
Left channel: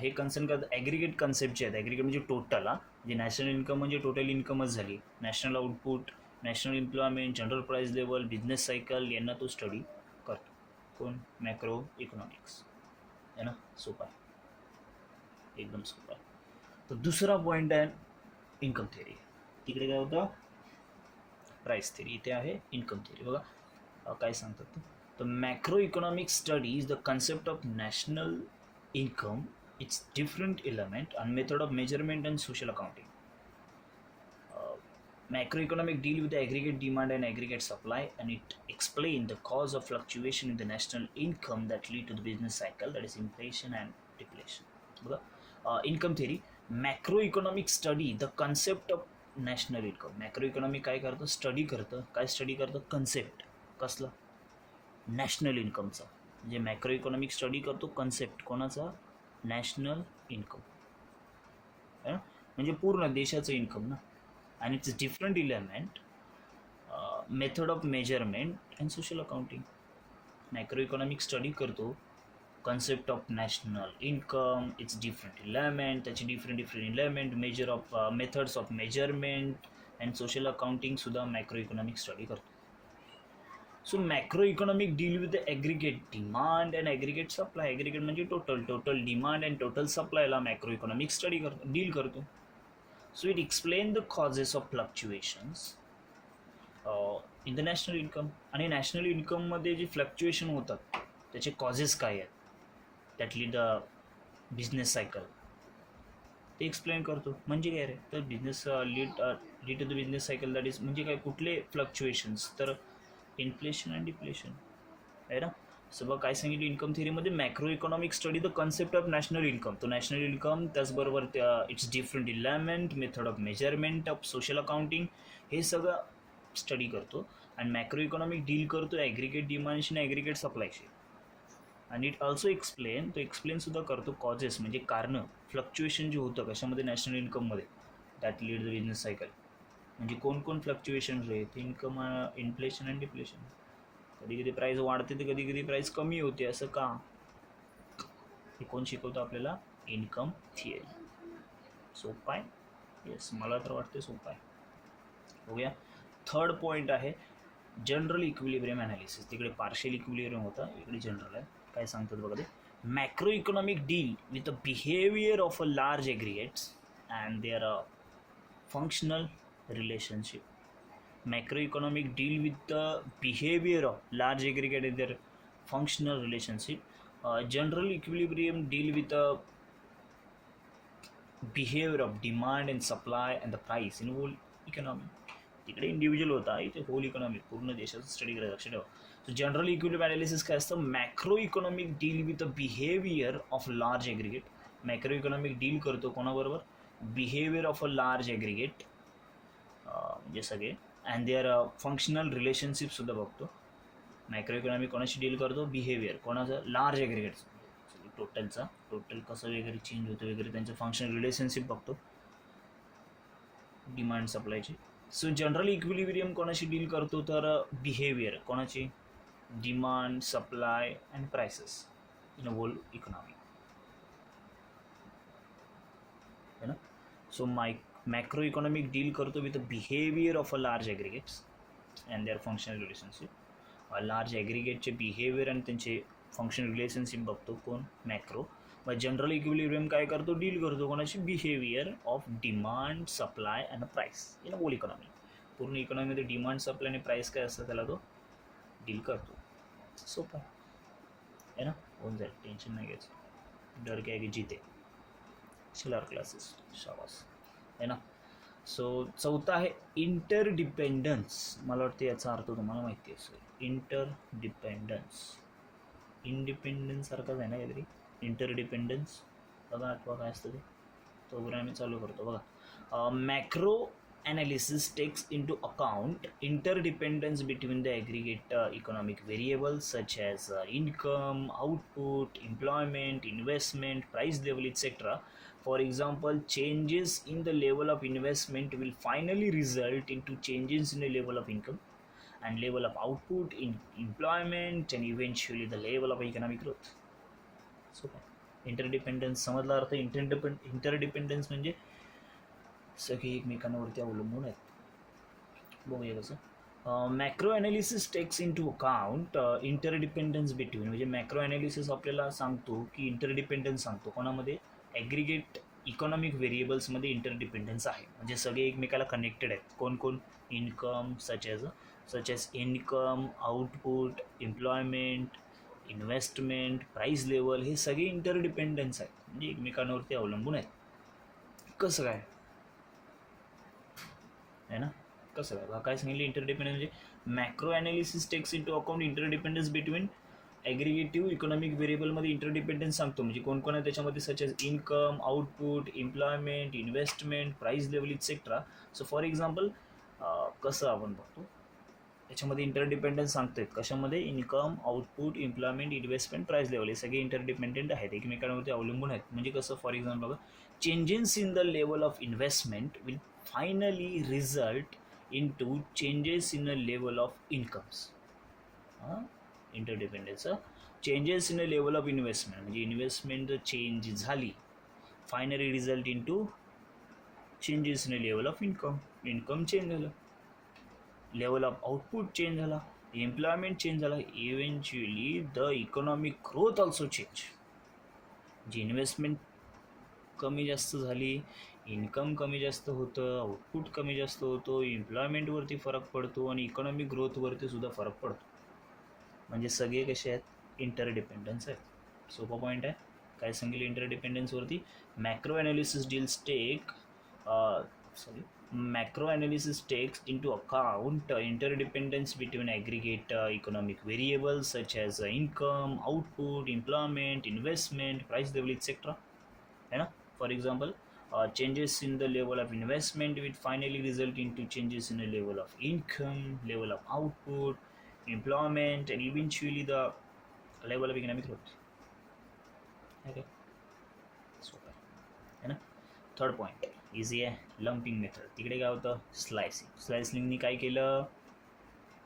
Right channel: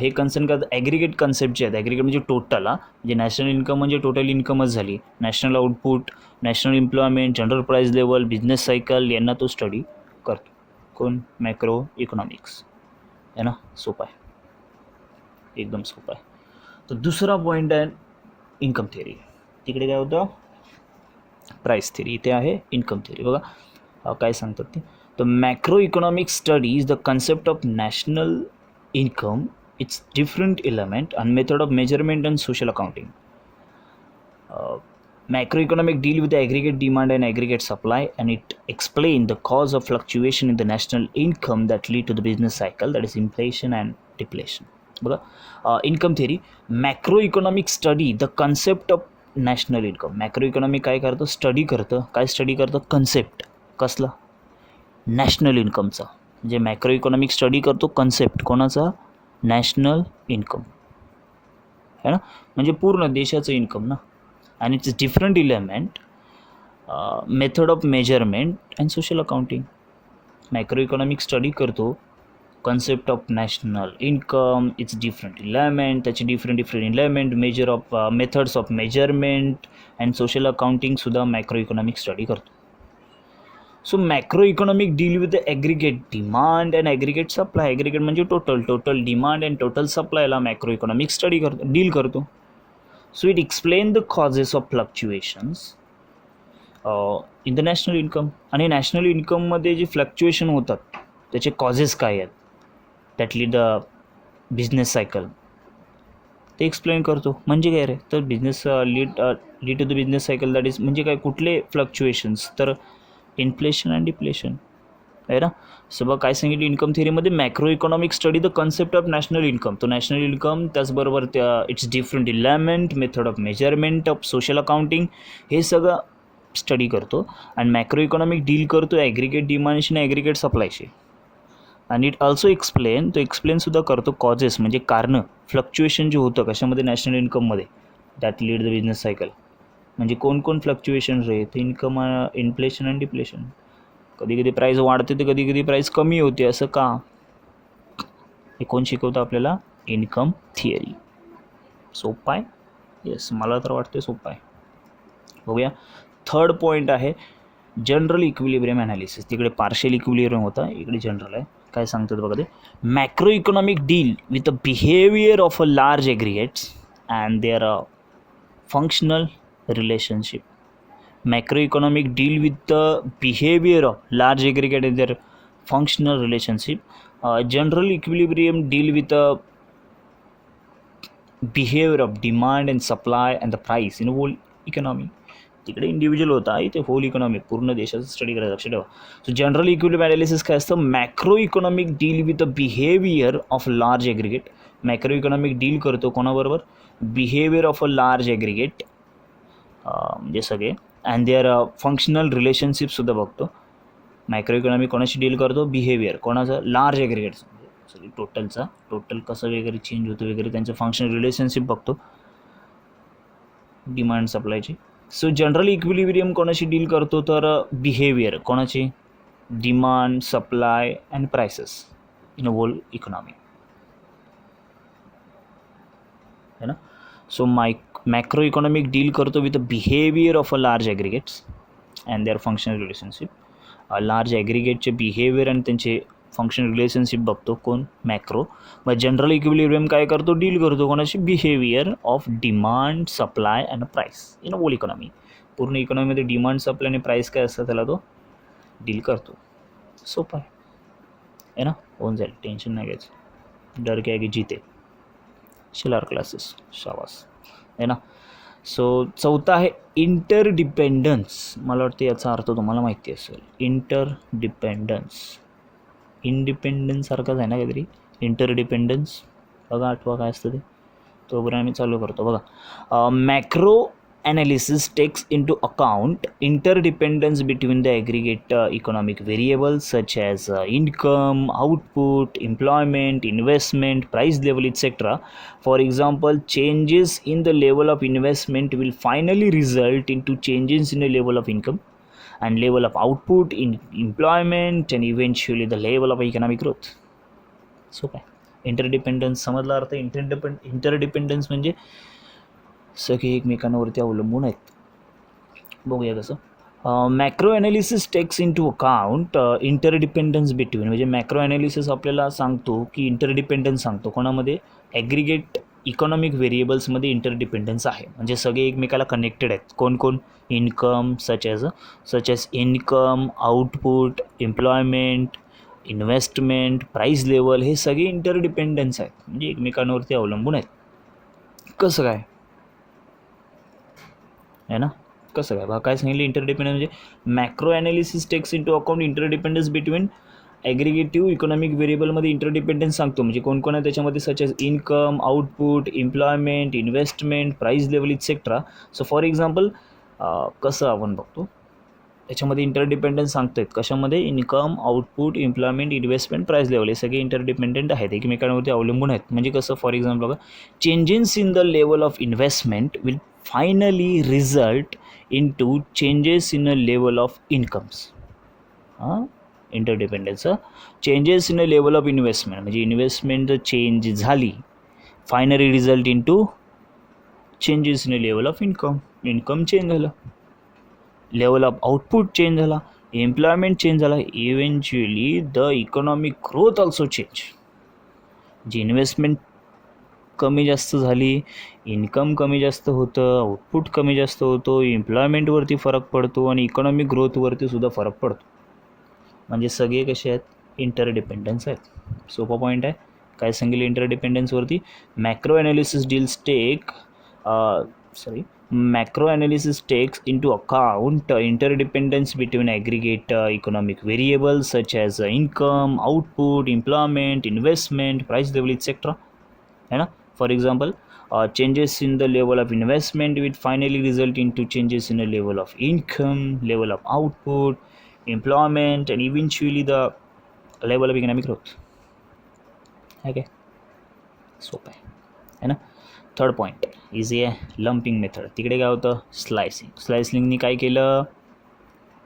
हे concern करतात ॲग्रिगेट कन्सेप्ट जे आहेत. Aggregate म्हणजे total, म्हणजे national income म्हणजे total इन्कमच झाली. National output, national employment, general price level, business cycle, यांना तो स्टडी करतो कोण, मॅक्रो इकॉनॉमिक्स है ना. सोपा आहे, एकदम सोपा आहे. तर दुसरा पॉईंट आहे इन्कम थिअरी, तिकडे काय होतं प्राईस थिअरी, इथे आहे इन्कम थिअरी. बघा काय सांगतात ते. The macro economic study is the concept of national income, its different element and method of measurement and social accounting. Macroeconomic deal with the aggregate demand and aggregate supply, and it explain the cause of fluctuation in the national income that lead to the business cycle, that is inflation and deflation. बघा income theory, macro economic study the concept of national income. Macro economic काय करतं, study करतं, काय study करतं, concept कसला, national इन्कमचा. म्हणजे macro economic study करतो कन्सेप्ट कोणाचा, नॅशनल इन्कम है ना, म्हणजे पूर्ण देशाचं इन्कम ना. आणि its different element, method of measurement and social accounting. Macro economic study करतो concept of national income, its different element, त्याचे different element, measure of methods of measurement and social अकाउंटिंगसुद्धा मॅक्रो इकॉनॉमिक स्टडी करतो. So macro economic deal with the aggregate demand and aggregate supply. Aggregate म्हणजे total demand and total सप्लायला macro economic study करतो, deal करतो. So it explain the causes of fluctuations in the national income. आणि national इन्कममध्ये जे fluctuation होतात त्याचे causes काय आहेत, that lead the business cycle, ते एक्सप्लेन करतो. म्हणजे काय रे, तर business lead to the business cycle, that is म्हणजे काय, कुठले फ्लक्च्युएशन्स, तर इन्फ्लेशन अँड डिप्लेशन आहे ना. सगळं काय सांगितलं इन्कम थिअरीमध्ये, macro economic study the concept of national income. तो नॅशनल इन्कम, त्याचबरोबर its different element, method of measurement of social accounting, हे सगळं स्टडी करतो. आणि मॅक्रो इकॉनॉमिक डील करतो ॲग्रिगेट डिमांडशी आणि ॲग्रिगेट सप्लायशी. आणि इट ऑल्सो एक्सप्लेनसुद्धा करतो कॉजेस म्हणजे कारणं, फ्लक्च्युएशन जे होतं कशामध्ये, नॅशनल इन्कममध्ये, that lead the business cycle. म्हणजे कोण फ्लक्च्युएशन रे, तर इन्कम, इन्फ्लेशन अँड डिप्लेशन. कधी कधी प्राईस वाढते तर कधी कधी प्राईस कमी होते, असं का, हे कोण शिकवतं आपल्याला, इन्कम थिअरी. सोपं आहे, येस मला तर वाटते सोपं आहे. बघूया थर्ड पॉईंट आहे जनरल इक्विलिब्रियम ॲनालिसिस. तिकडे पार्शियल इक्विलिब्रियम होता, इकडे जनरल आहे. काय सांगतात बघा ते, macro economic deal with the behaviour of a large aggregates and their functional relationship. Macroeconomic deal with the behavior of large aggregate and their functional relationship. General equilibrium deal with the behavior of demand and supply and the price in whole economy. तिकडे individual होता, इथे hole economy पूर्ण देशाचं study करायचं, लक्ष ठेवा. So general equilibrium analysis काय असतं, macro economic deal with the behaviour of large aggregate. Macro economic deal करतो कोणाबरोबर, behaviour of a large aggregate, म्हणजे सगळे, अँड देअर फंक्शनल रिलेशनशिपसुद्धा बघतो. मायक्रो इकॉनॉमिक कोणाशी डील करतो, बिहेवियर कोणाचं, लार्ज ॲग्रिगेट्स, सॉरी टोटल कसं वगैरे चेंज होतं वगैरे, त्यांचं फंक्शनल रिलेशनशिप बघतो डिमांड सप्लायची. सो जनरल इक्विलिब्रियम कोणाशी डील करतो, तर बिहेवियर कोणाची, demand supply and prices in a whole economy है ना. सो मॅक्रो इकॉनॉमिक डील करतो with the behaviour of a large aggregates and their functional relationship. Large ॲग्रिगेटचे behaviour आणि त्यांचे फंक्शनल रिलेशनशिप बघतो कोण, मॅक्रो. मग जनरल इक्विलिब्रियम काय करतो, डील करतो कोणाशी, behaviour of demand supply and price in whole economy. पूर्ण इकॉनॉमीमध्ये डिमांड सप्लाय आणि प्राईस काय असतं त्याला तो डील करतो. सोपं आहे ना, होऊन जाईल, टेन्शन नाही घ्यायचं. डर क्या की जीते, शिलार क्लासेस, शाबास आहे ना. सो चौथा आहे इंटरडिपेंडन्स. मला वाटतं याचा अर्थ तुम्हाला माहिती असेल, इंडिपेंडन्स सारखाच आहे ना काहीतरी, इंटरडिपेंडन्स. बघा आठवा काय असतं ते, तोपर्यंत आम्ही चालू करतो. बघा macro analysis takes into account interdependence between the aggregate economic variables such as income, output, employment, investment, price level, etc. For example, changes in the level of investment will finally result into changes in the level of income and level of output in employment and eventually the level of economic growth. So काय interdependence समजला अर्थ. Interdependence म्हणजे सगळे एकमेकांवरती अवलंबून आहेत. बघूया कसं. Macro analysis takes into account interdependence between. म्हणजे मॅक्रो ॲनालिसिस आपल्याला सांगतो की इंटरडिपेंडन्स सांगतो कोणामध्ये, ॲग्रिगेट इकॉनॉमिक व्हेरिएबल्समध्ये इंटरडिपेंडन्स आहे, म्हणजे सगळे एकमेकाला कनेक्टेड आहेत. कोण कोण? इन्कम, सच as income, output, employment, investment, price level, हे सगळे इंटरडिपेंडन्स आहेत, म्हणजे एकमेकांवरती अवलंबून आहेत. कसं काय आहे ना? कसं काय बघा, काय सांगितलं इंटरडिपेंडन्स म्हणजे macro analysis takes into account interdependence between aggregative economic व्हेरिएबलमध्ये इंटरडिपेंडन्स सांगतो, म्हणजे कोण कोण आहे त्याच्यामध्ये, such as income, output, employment, investment, price level etcetera. So for example कसं आपण बघतो त्याच्यामध्ये इंटरडिपेंडन्स सांगतो आहेत. कशामध्ये? Income, output, employment, investment, price level, हे सगळे इंटरडिपेंडंट आहेत, एकमेकांवरती अवलंबून आहेत. म्हणजे कसं? फॉर एक्झाम्पल बघा, changes in the level of investment will finally result in to changes in a level of incomes. हां, interdependence. Changes in a level of investment म्हणजे इन्व्हेस्टमेंट जर चेंज झाली, finally result in to changes in a level of income, income change झालं, level of output change झाला, employment change झाला, eventually the economic growth also change. जी investment कमी जास्त झाली, इन्कम कमी जास्त होतं, आउटपुट कमी जास्त होतो, एम्प्लॉयमेंटवरती फरक पडतो आणि इकॉनॉमिक ग्रोथवरती सुद्धा फरक पडतो. म्हणजे सगळे कसे आहेत? इंटरडिपेंडन्स आहेत. सोपा पॉईंट आहे. काय सांगितलं इंटरडिपेंडन्सवरती? Macro analysis macro analysis takes into account interdependence between aggregate economic variables such as income, output, employment, investment, price level, etc. है ना? For example, changes in the level of investment will finally result into changes in the level of income, level of output, employment, and eventually the level of economic growth. Okay, सोपं आहे ना? Third point easy आहे, lumping method. तिकडे काय होतं? स्लायसिंगनी काय केलं?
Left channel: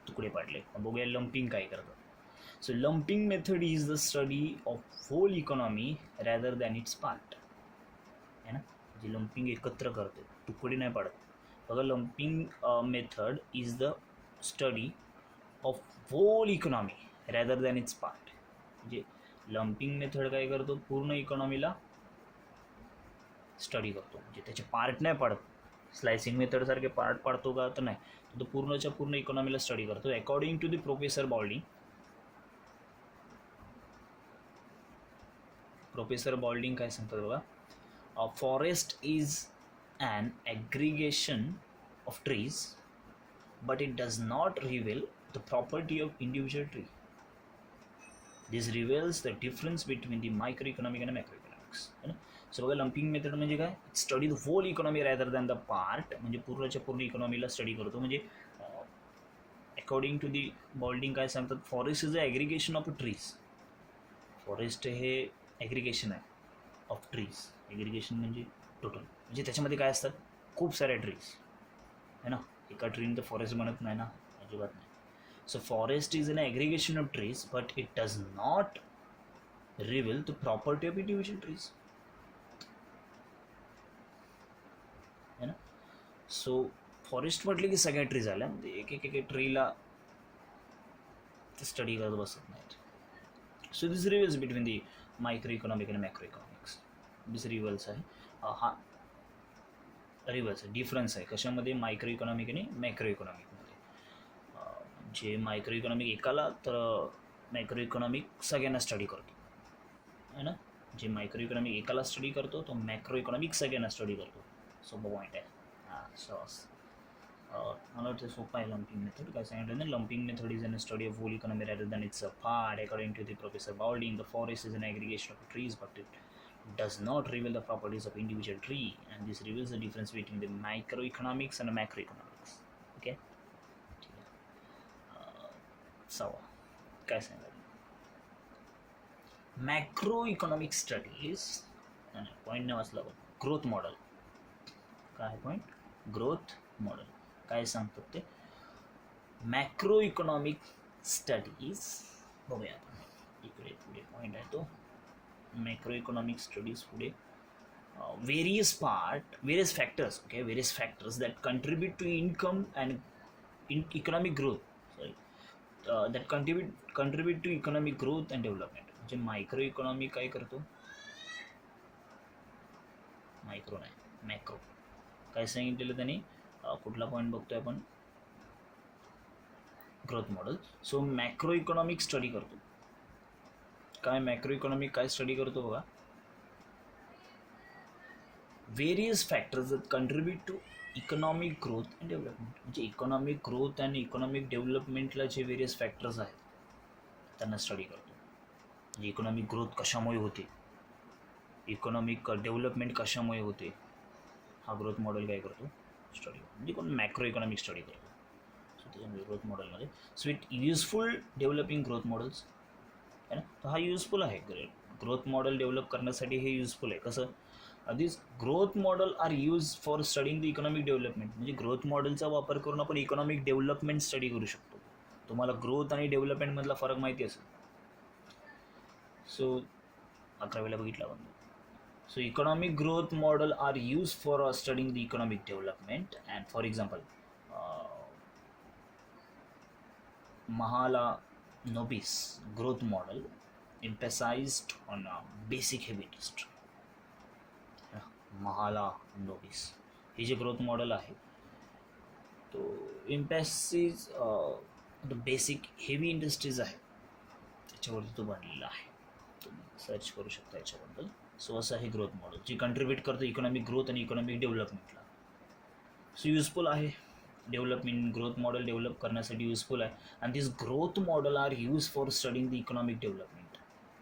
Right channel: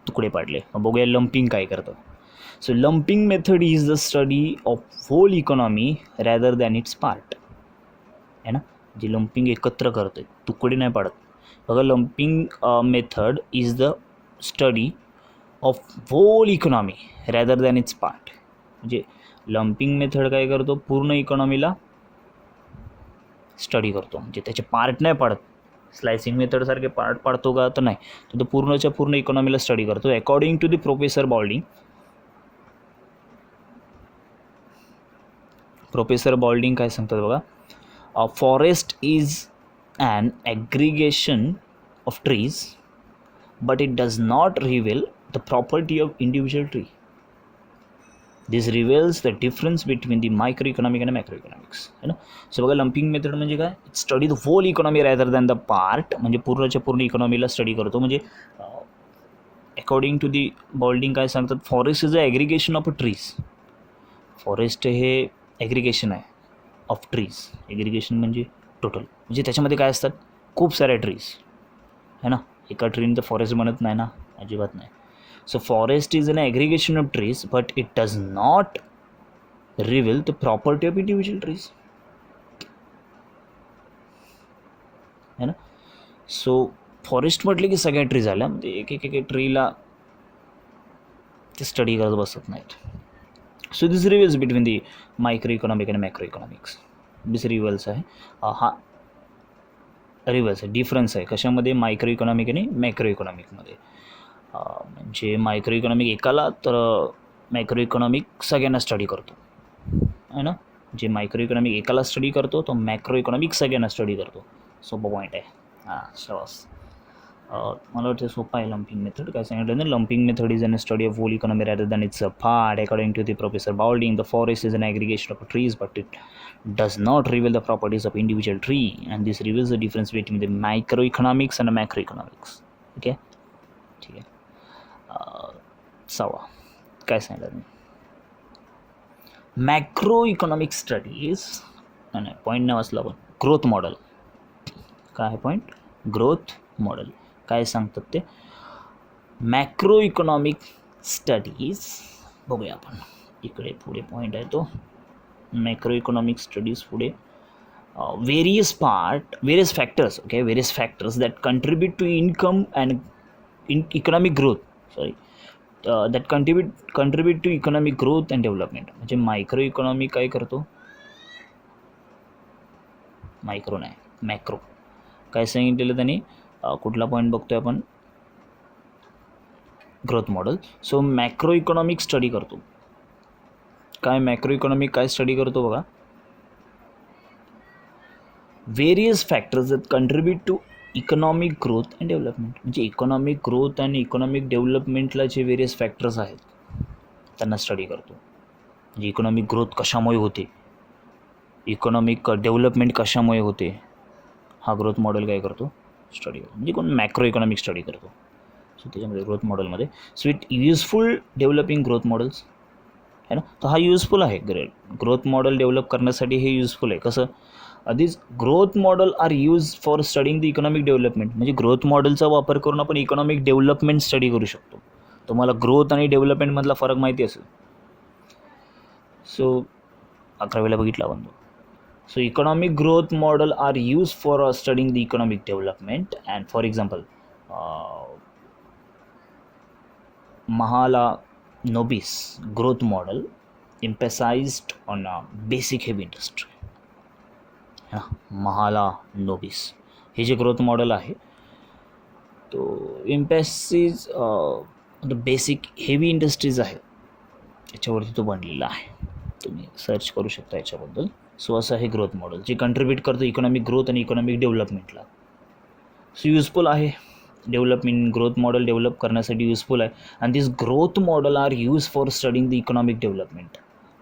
तुकडे पाडले. मग बघूया लंपिंग काय करतं. So lumping method is the study of whole economy rather than its part. आहे ना? जी लंपिंग एकत्र करते, तुकडे नाही पाडत. बघा, lumping method is the study of whole economy rather than its part. म्हणजे लंपिंग मेथड काय करतो? पूर्ण इकॉनॉमीला स्टडी करतो, म्हणजे त्याचे पार्ट नाही पाडत. स्लायसिंग मेथडसारखे पार्ट पाडतो का? तर नाही, तो पूर्णच्या पूर्ण इकॉनॉमीला स्टडी करतो. According to the professor Boulding काय सांगतात बघा, forest is an aggregation of trees but it does not reveal the property of individual tree. This reveals the difference between the micro economic आणि मॅक्रो इकॉनॉमिक्स. है ना? So बघा, lumping method म्हणजे काय? Study the whole economy rather than the part, म्हणजे पूर्णच्या पूर्ण इकॉनॉमीला स्टडी करतो. म्हणजे अकॉर्डिंग टू दी बॉल्डिंग काय सांगतात? Forest is a aggregation of a trees. Forest हे ॲग्रिगेशन आहे ऑफ ट्रीज. ॲग्रिगेशन म्हणजे टोटल, म्हणजे त्याच्यामध्ये काय असतात? खूप साऱ्या ट्रीज, है ना? एका ट्रीनं तर फॉरेस्ट बनत नाही ना, अजिबात नाही. So forest is an aggregation of trees, but it does not reveal the property of individual trees. है ना? सो फॉरेस्ट म्हटले की सगळ्या ट्री झाल्या, म्हणजे एक एक एक ट्रीला ते स्टडी करत बसत नाहीत. So this reveals between the micro economic आणि मॅक्रो इकॉनॉमिक्स. दिस रिव्हल्स आहे, हा रिव्हल्स आहे, डिफरन्स आहे कशामध्ये? मायक्रो इकॉनॉमिक आणि मॅक्रो इकॉनॉमिकमध्ये. म्हणजे मायक्रो इकॉनॉमिक एकाला, तर मॅक्रो इकॉनॉमिक सगळ्यांना स्टडी करतो, है ना? जे मायक्रो इकॉनॉमिक एकाला स्टडी करतो, तो मॅक्रो इकॉनॉमिक सगळ्यांना स्टडी करतो. सोपा पॉईंट आहे. हां, शाबास. मला वाटतं सोपा आहे लंपिंग मेथड. काय सांगितलं ना? Lumping method is an study of whole economy rather than it's a part. According to the professor Boulding, the forest is an aggregation of trees but it does not reveal the properties of individual tree, and this reveals the difference between the microeconomics and macroeconomics. Okay, ठीक आहे. सवा काय सांगितलं? Macro economic studies, नाही point नाही वाचला आपण. Growth model. काय पॉईंट? Growth model. काय सांगतात ते? मॅक्रो इकॉनॉमिक स्टडीज बघूया आपण. इकडे पुढे पॉईंट आहे तो मॅक्रो इकॉनॉमिक स्टडीज. पुढे various factors, okay, various factors that contribute to income and economic growth, that contribute to economic growth and development. म्हणजे मायक्रो इकॉनॉमी काय करतो? मायक्रो नाही, मॅक्रो. काय सांगितलेलं त्यांनी, कुठला पॉईंट बघतोय आपण, growth model. So macro economic study करतो. काय मॅक्रो इकॉनॉमिक काय स्टडी करतो बघा, various factors that contribute to economic growth and development. म्हणजे इकॉनॉमिक ग्रोथ आणि इकॉनॉमिक डेव्हलपमेंटला जे व्हेरियस फॅक्टर्स आहेत त्यांना स्टडी करतो. म्हणजे इकॉनॉमिक ग्रोथ कशामुळे होते, इकॉनॉमिक डेव्हलपमेंट कशामुळे होते, हा ग्रोथ मॉडेल काय करतो, स्टडी करतो. म्हणजे कोण मॅक्रो इकॉनॉमिक स्टडी करतो. सो त्याच्यामध्ये ग्रोथ मॉडेलमध्ये, so it useful developing growth models आहे ना. तर हा युजफुल आहे, ग्रोथ मॉडेल डेव्हलप करण्यासाठी हे युजफुल आहे. कसं, आधीच growth model are use for studying the economic development. म्हणजे ग्रोथ मॉडेलचा वापर करून आपण इकॉनॉमिक डेव्हलपमेंट स्टडी करू शकतो. तुम्हाला ग्रोथ आणि डेव्हलपमेंटमधला फरक माहिती असेल. सो 11वीला बघितला आपण. So economic growth model are use for studying the economic development. And for example Mahalanobis growth model emphasized on basic heavy industry. Mahalanobis हे जे ग्रोथ मॉडेल आहे तो एम्पॅसिस बेसिक हेवी इंडस्ट्रीज आहे त्याच्यावरती तो बनलेला आहे. तुम्ही सर्च करू शकता याच्याबद्दल. सो असं आहे ग्रोथ मॉडेल जे कंट्रीब्यूट करतं इकॉनॉमिक ग्रोथ आणि इकॉनॉमिक डेव्हलपमेंटला. सो युजफुल आहे, डेव्हलपमेंट ग्रोथ मॉडेल डेव्हलप करण्यासाठी युजफुल आहे. आणि this growth model are use for studying the economic development.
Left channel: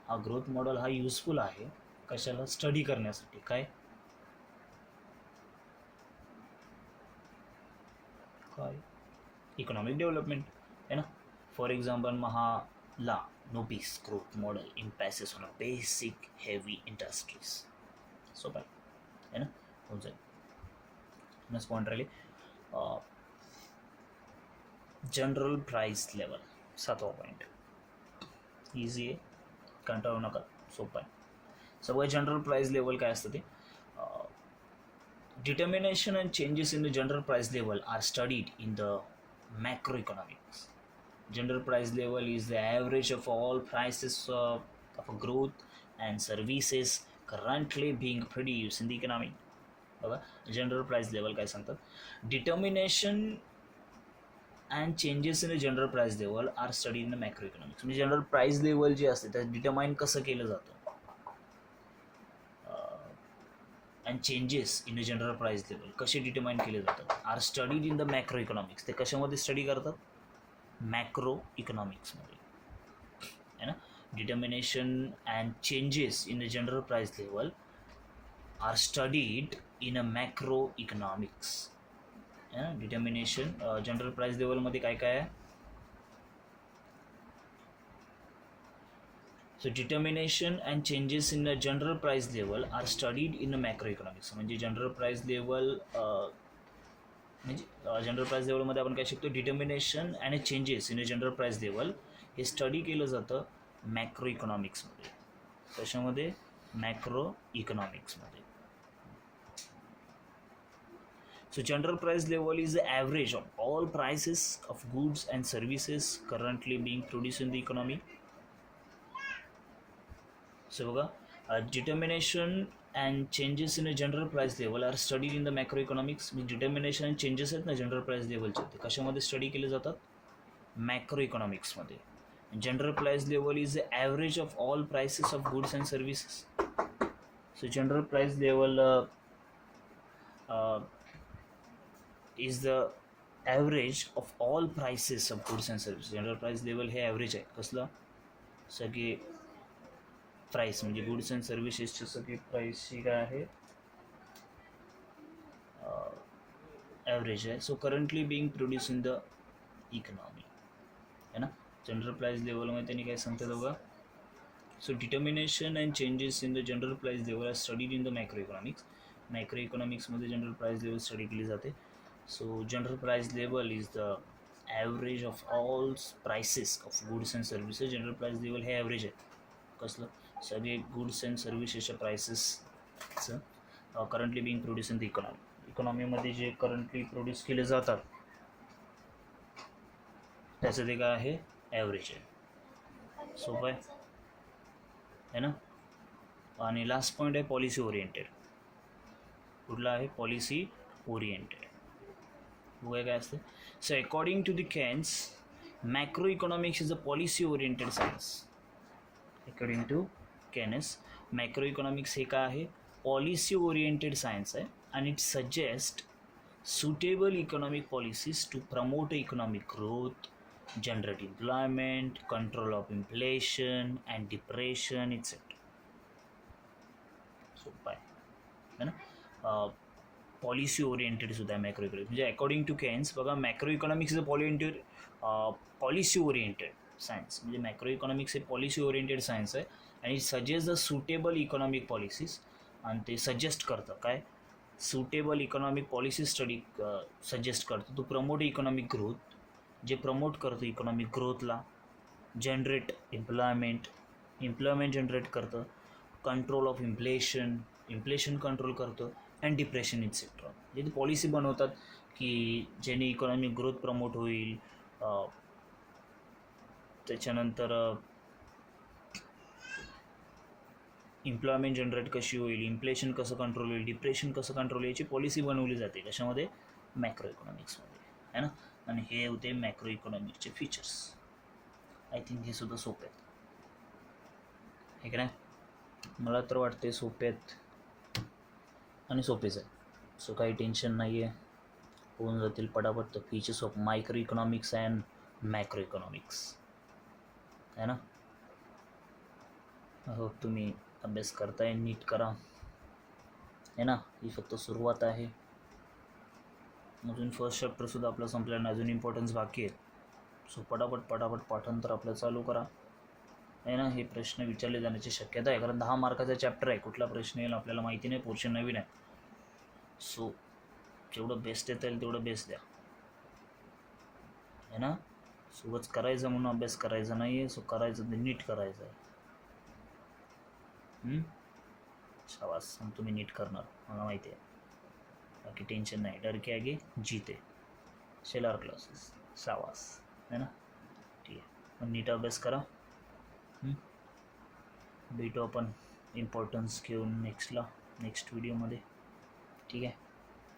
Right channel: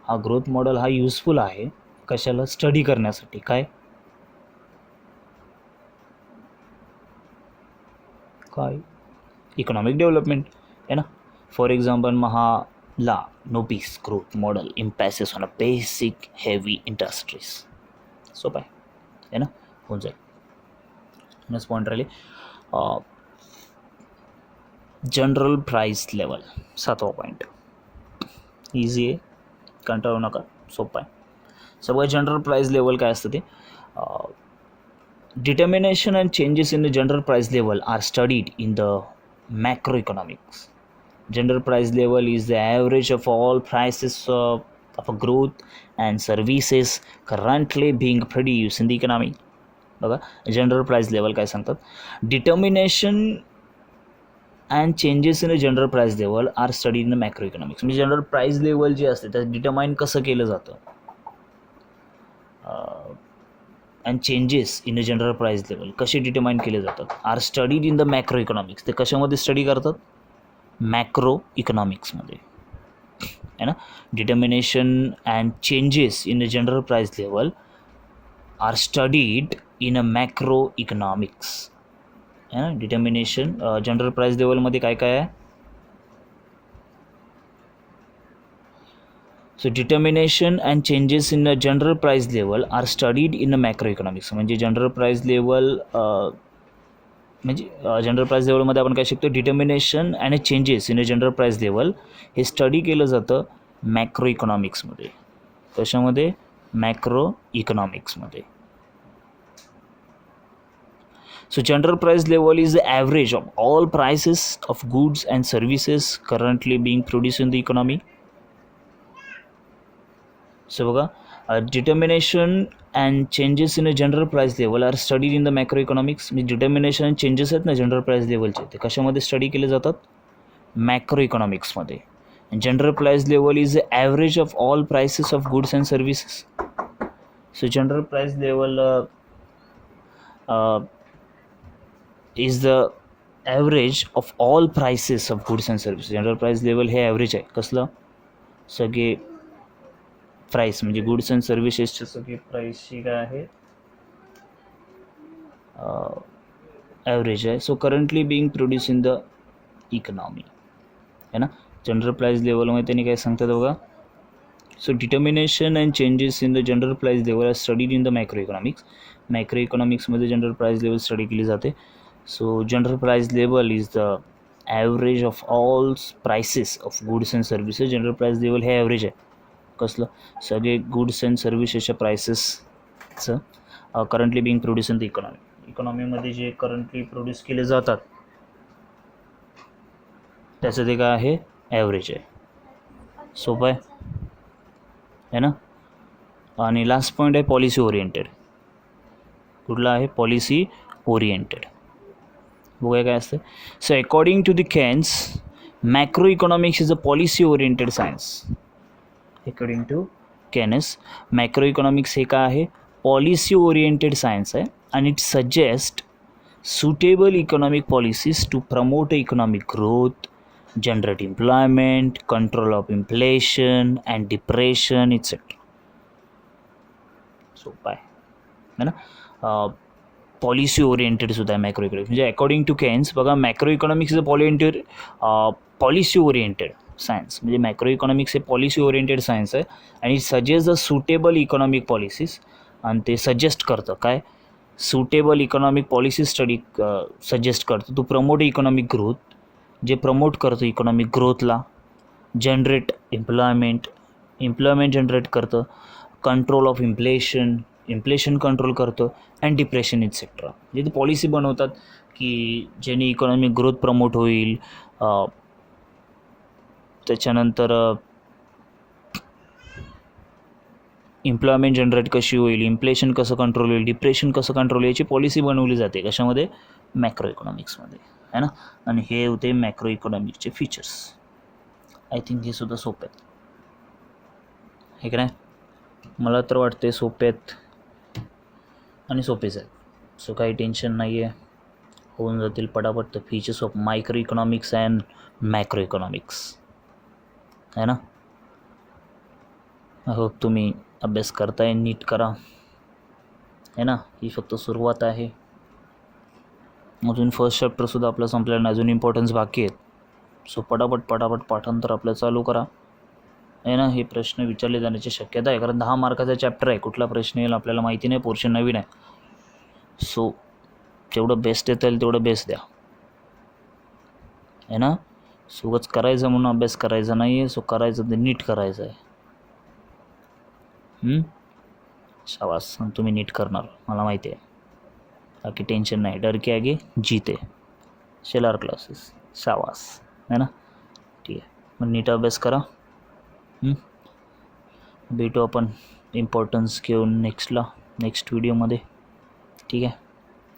हा ग्रोथ मॉडेल हा युजफुल आहे कशाला, स्टडी करण्यासाठी. काय काय इकॉनॉमिक डेव्हलपमेंट आहे ना. For example Mahalanobis growth model emphasises on a basic heavy industries. सोपं आहे ना, होऊन जाईल. नेक्स्ट पॉईंट राहिले जनरल प्राईस लेवल. 7वा पॉईंट इझी आहे, कंटाळू नका, सोपं आहे. सगळं जनरल प्राईस लेवल काय असतं ते, determination and changes in the general price level are studied in the macroeconomics. General price level is the average of all prices of a growth and services currently being produced in the economy. बघा, general price level काय सांगतात, determination and changes in a general price level are study in the macro economics. म्हणजे general price level जे असते त्यात determine कसं केलं जातं, and changes in a general price level कसे डिटर्माइन केले जातात, are studied in the macro economics. ते कशामध्ये स्टडी करतात, मॅक्रो इकॉनॉमिक्समध्ये आहे ना. Determination and changes in a general price level are studied in a macro economics आहे ना. डिटर्मिनेशन जनरल प्राइस लेवलमध्ये काय काय आहे, so determination and changes in a general price level are studied in a macro economics. म्हणजे general price level म्हणजे general price लेवलमध्ये आपण काय शिकतो, determination and changes in a general price level हे स्टडी केलं जातं मॅक्रो इकॉनॉमिक्समध्ये. कशामध्ये, मॅक्रो इकॉनॉमिक्समध्ये. So general price level is the average of all prices of goods and services currently being produced in the economy. So बघा, determination and changes in a general price level are studied in the macroeconomics. म्हणजे determination and changes आहेत ना general price लेवलचे, ते कशामध्ये study केले जातात, macro इकॉनॉमिक्समध्ये. General price level is the average of all prices of goods and services. So general price level is the average of all prices of goods and services. General price level हे average आहे कसलं, सगळे price म्हणजे goods and सर्व्हिसेसचे सगळे प्राईसची काय आहे, average आहे. So currently being produce in the economy आहे ना. जनरल प्राइस लेवलमध्ये त्यांनी काय सांगतात बघा, so determination and changes in the general price level are studied in the macro economics. Macro इकॉनॉमिक्समध्ये जनरल प्राइस लेवल स्टडी केली जाते. So general price level is the average of all prices of goods and services. General price level हे average आहे कसलं, सगळे goods and सर्व्हिसेसच्या प्राइसेसचं currently being produce in the economy. इकॉनॉमीमध्ये जे करंटली प्रोड्यूस केले जातात त्याचं ते काय आहे, ॲव्हरेज आहे. सोपं आहे ना. आणि लास्ट पॉईंट आहे पॉलिसी ओरिएंटेड. कुठला आहे? Policy oriented. बघूया काय असतं. So according to the Keynes macro economics is a policy oriented science. According to Keynes macro economics हे काय आहे? पॉलिसी ओरिएंटेड सायन्स आहे आणि it suggest suitable economic policies to promote economic growth, generate employment, control of inflation and depression, etc. सोपं आहे ना. Policy oriented सुद्धा आहे मॅक्रो इकॉनॉमिक्स. म्हणजे अकॉर्डिंग टू केन्स बघा, macro economics is a policy oriented science. म्हणजे macro economics हे policy oriented science आहे आणि suggest the suitable economic policies. आणि ते सजेस्ट करतं काय? Suitable economic policy study suggest करतो टू प्रमोट इकॉनॉमिक ग्रोथ. जे प्रमोट करतं इकॉनॉमिक ग्रोथला. जनरेट एम्प्लॉयमेंट जनरेट करतं. कंट्रोल ऑफ इन्फ्लेशन कंट्रोल करतं. And depression et cetera. म्हणजे ते पॉलिसी बनवतात की ज्याने इकॉनॉमिक ग्रोथ प्रमोट होईल. त्याच्यानंतर एम्प्लॉयमेंट जनरेट कशी होईल, इन्फ्लेशन कसं कंट्रोल होईल, डिप्रेशन कसं कंट्रोल, याची पॉलिसी बनवली जाते. कशामध्ये? मॅक्रो इकॉनॉमिक्समध्ये, है ना. आणि हे होते मॅक्रो इकॉनॉमिक्सचे फीचर्स. आय थिंक हे सुद्धा सोपे आहेत, हे का नाही? मला तर वाटते सोपे आहेत आणि सोपेच आहेत. सो काही टेन्शन नाही आहे, होऊन जातील पटापट. Features of micro economics and macro economics, है ना. आय होप तुम्ही अभ्यास करताय, नीट करा, है ना. ही फक्त सुरुवात आहे. अजून फर्स्ट चॅप्टरसुद्धा आपलं संपलेलं नाही, अजून इम्पॉर्टन्स बाकी आहेत. सो पटापट पाठांतर आपलं चालू करा, आहे ना. हे प्रश्न विचारले जाण्याची शक्यता आहे, कारण 10 मार्काचा चॅप्टर आहे. कुठला प्रश्न येईल आपल्याला माहिती नाही, पोर्शन नवीन आहे. सो जेवढं बेस्ट येता येईल तेवढं बेस्ट द्या, आहे ना. सोबत करायचं म्हणून अभ्यास करायचा नाही आहे. सो करायचं ते नीट करायचं आहे. शाबास, तुम्ही नीट करणार, मला माहिती आहे. बाकी टेन्शन नाही. डर के आगे जीते. शेलार क्लासेस, शाबास, है ना. ठीक आहे, मग नीट अभ्यास करा. भेटू आपण इम्पॉर्टन्स घेऊन नेक्स्ट व्हिडिओमध्ये. ठीक आहे,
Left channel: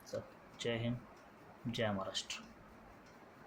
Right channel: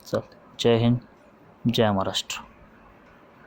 चल. जय हिंद, जय महाराष्ट्र.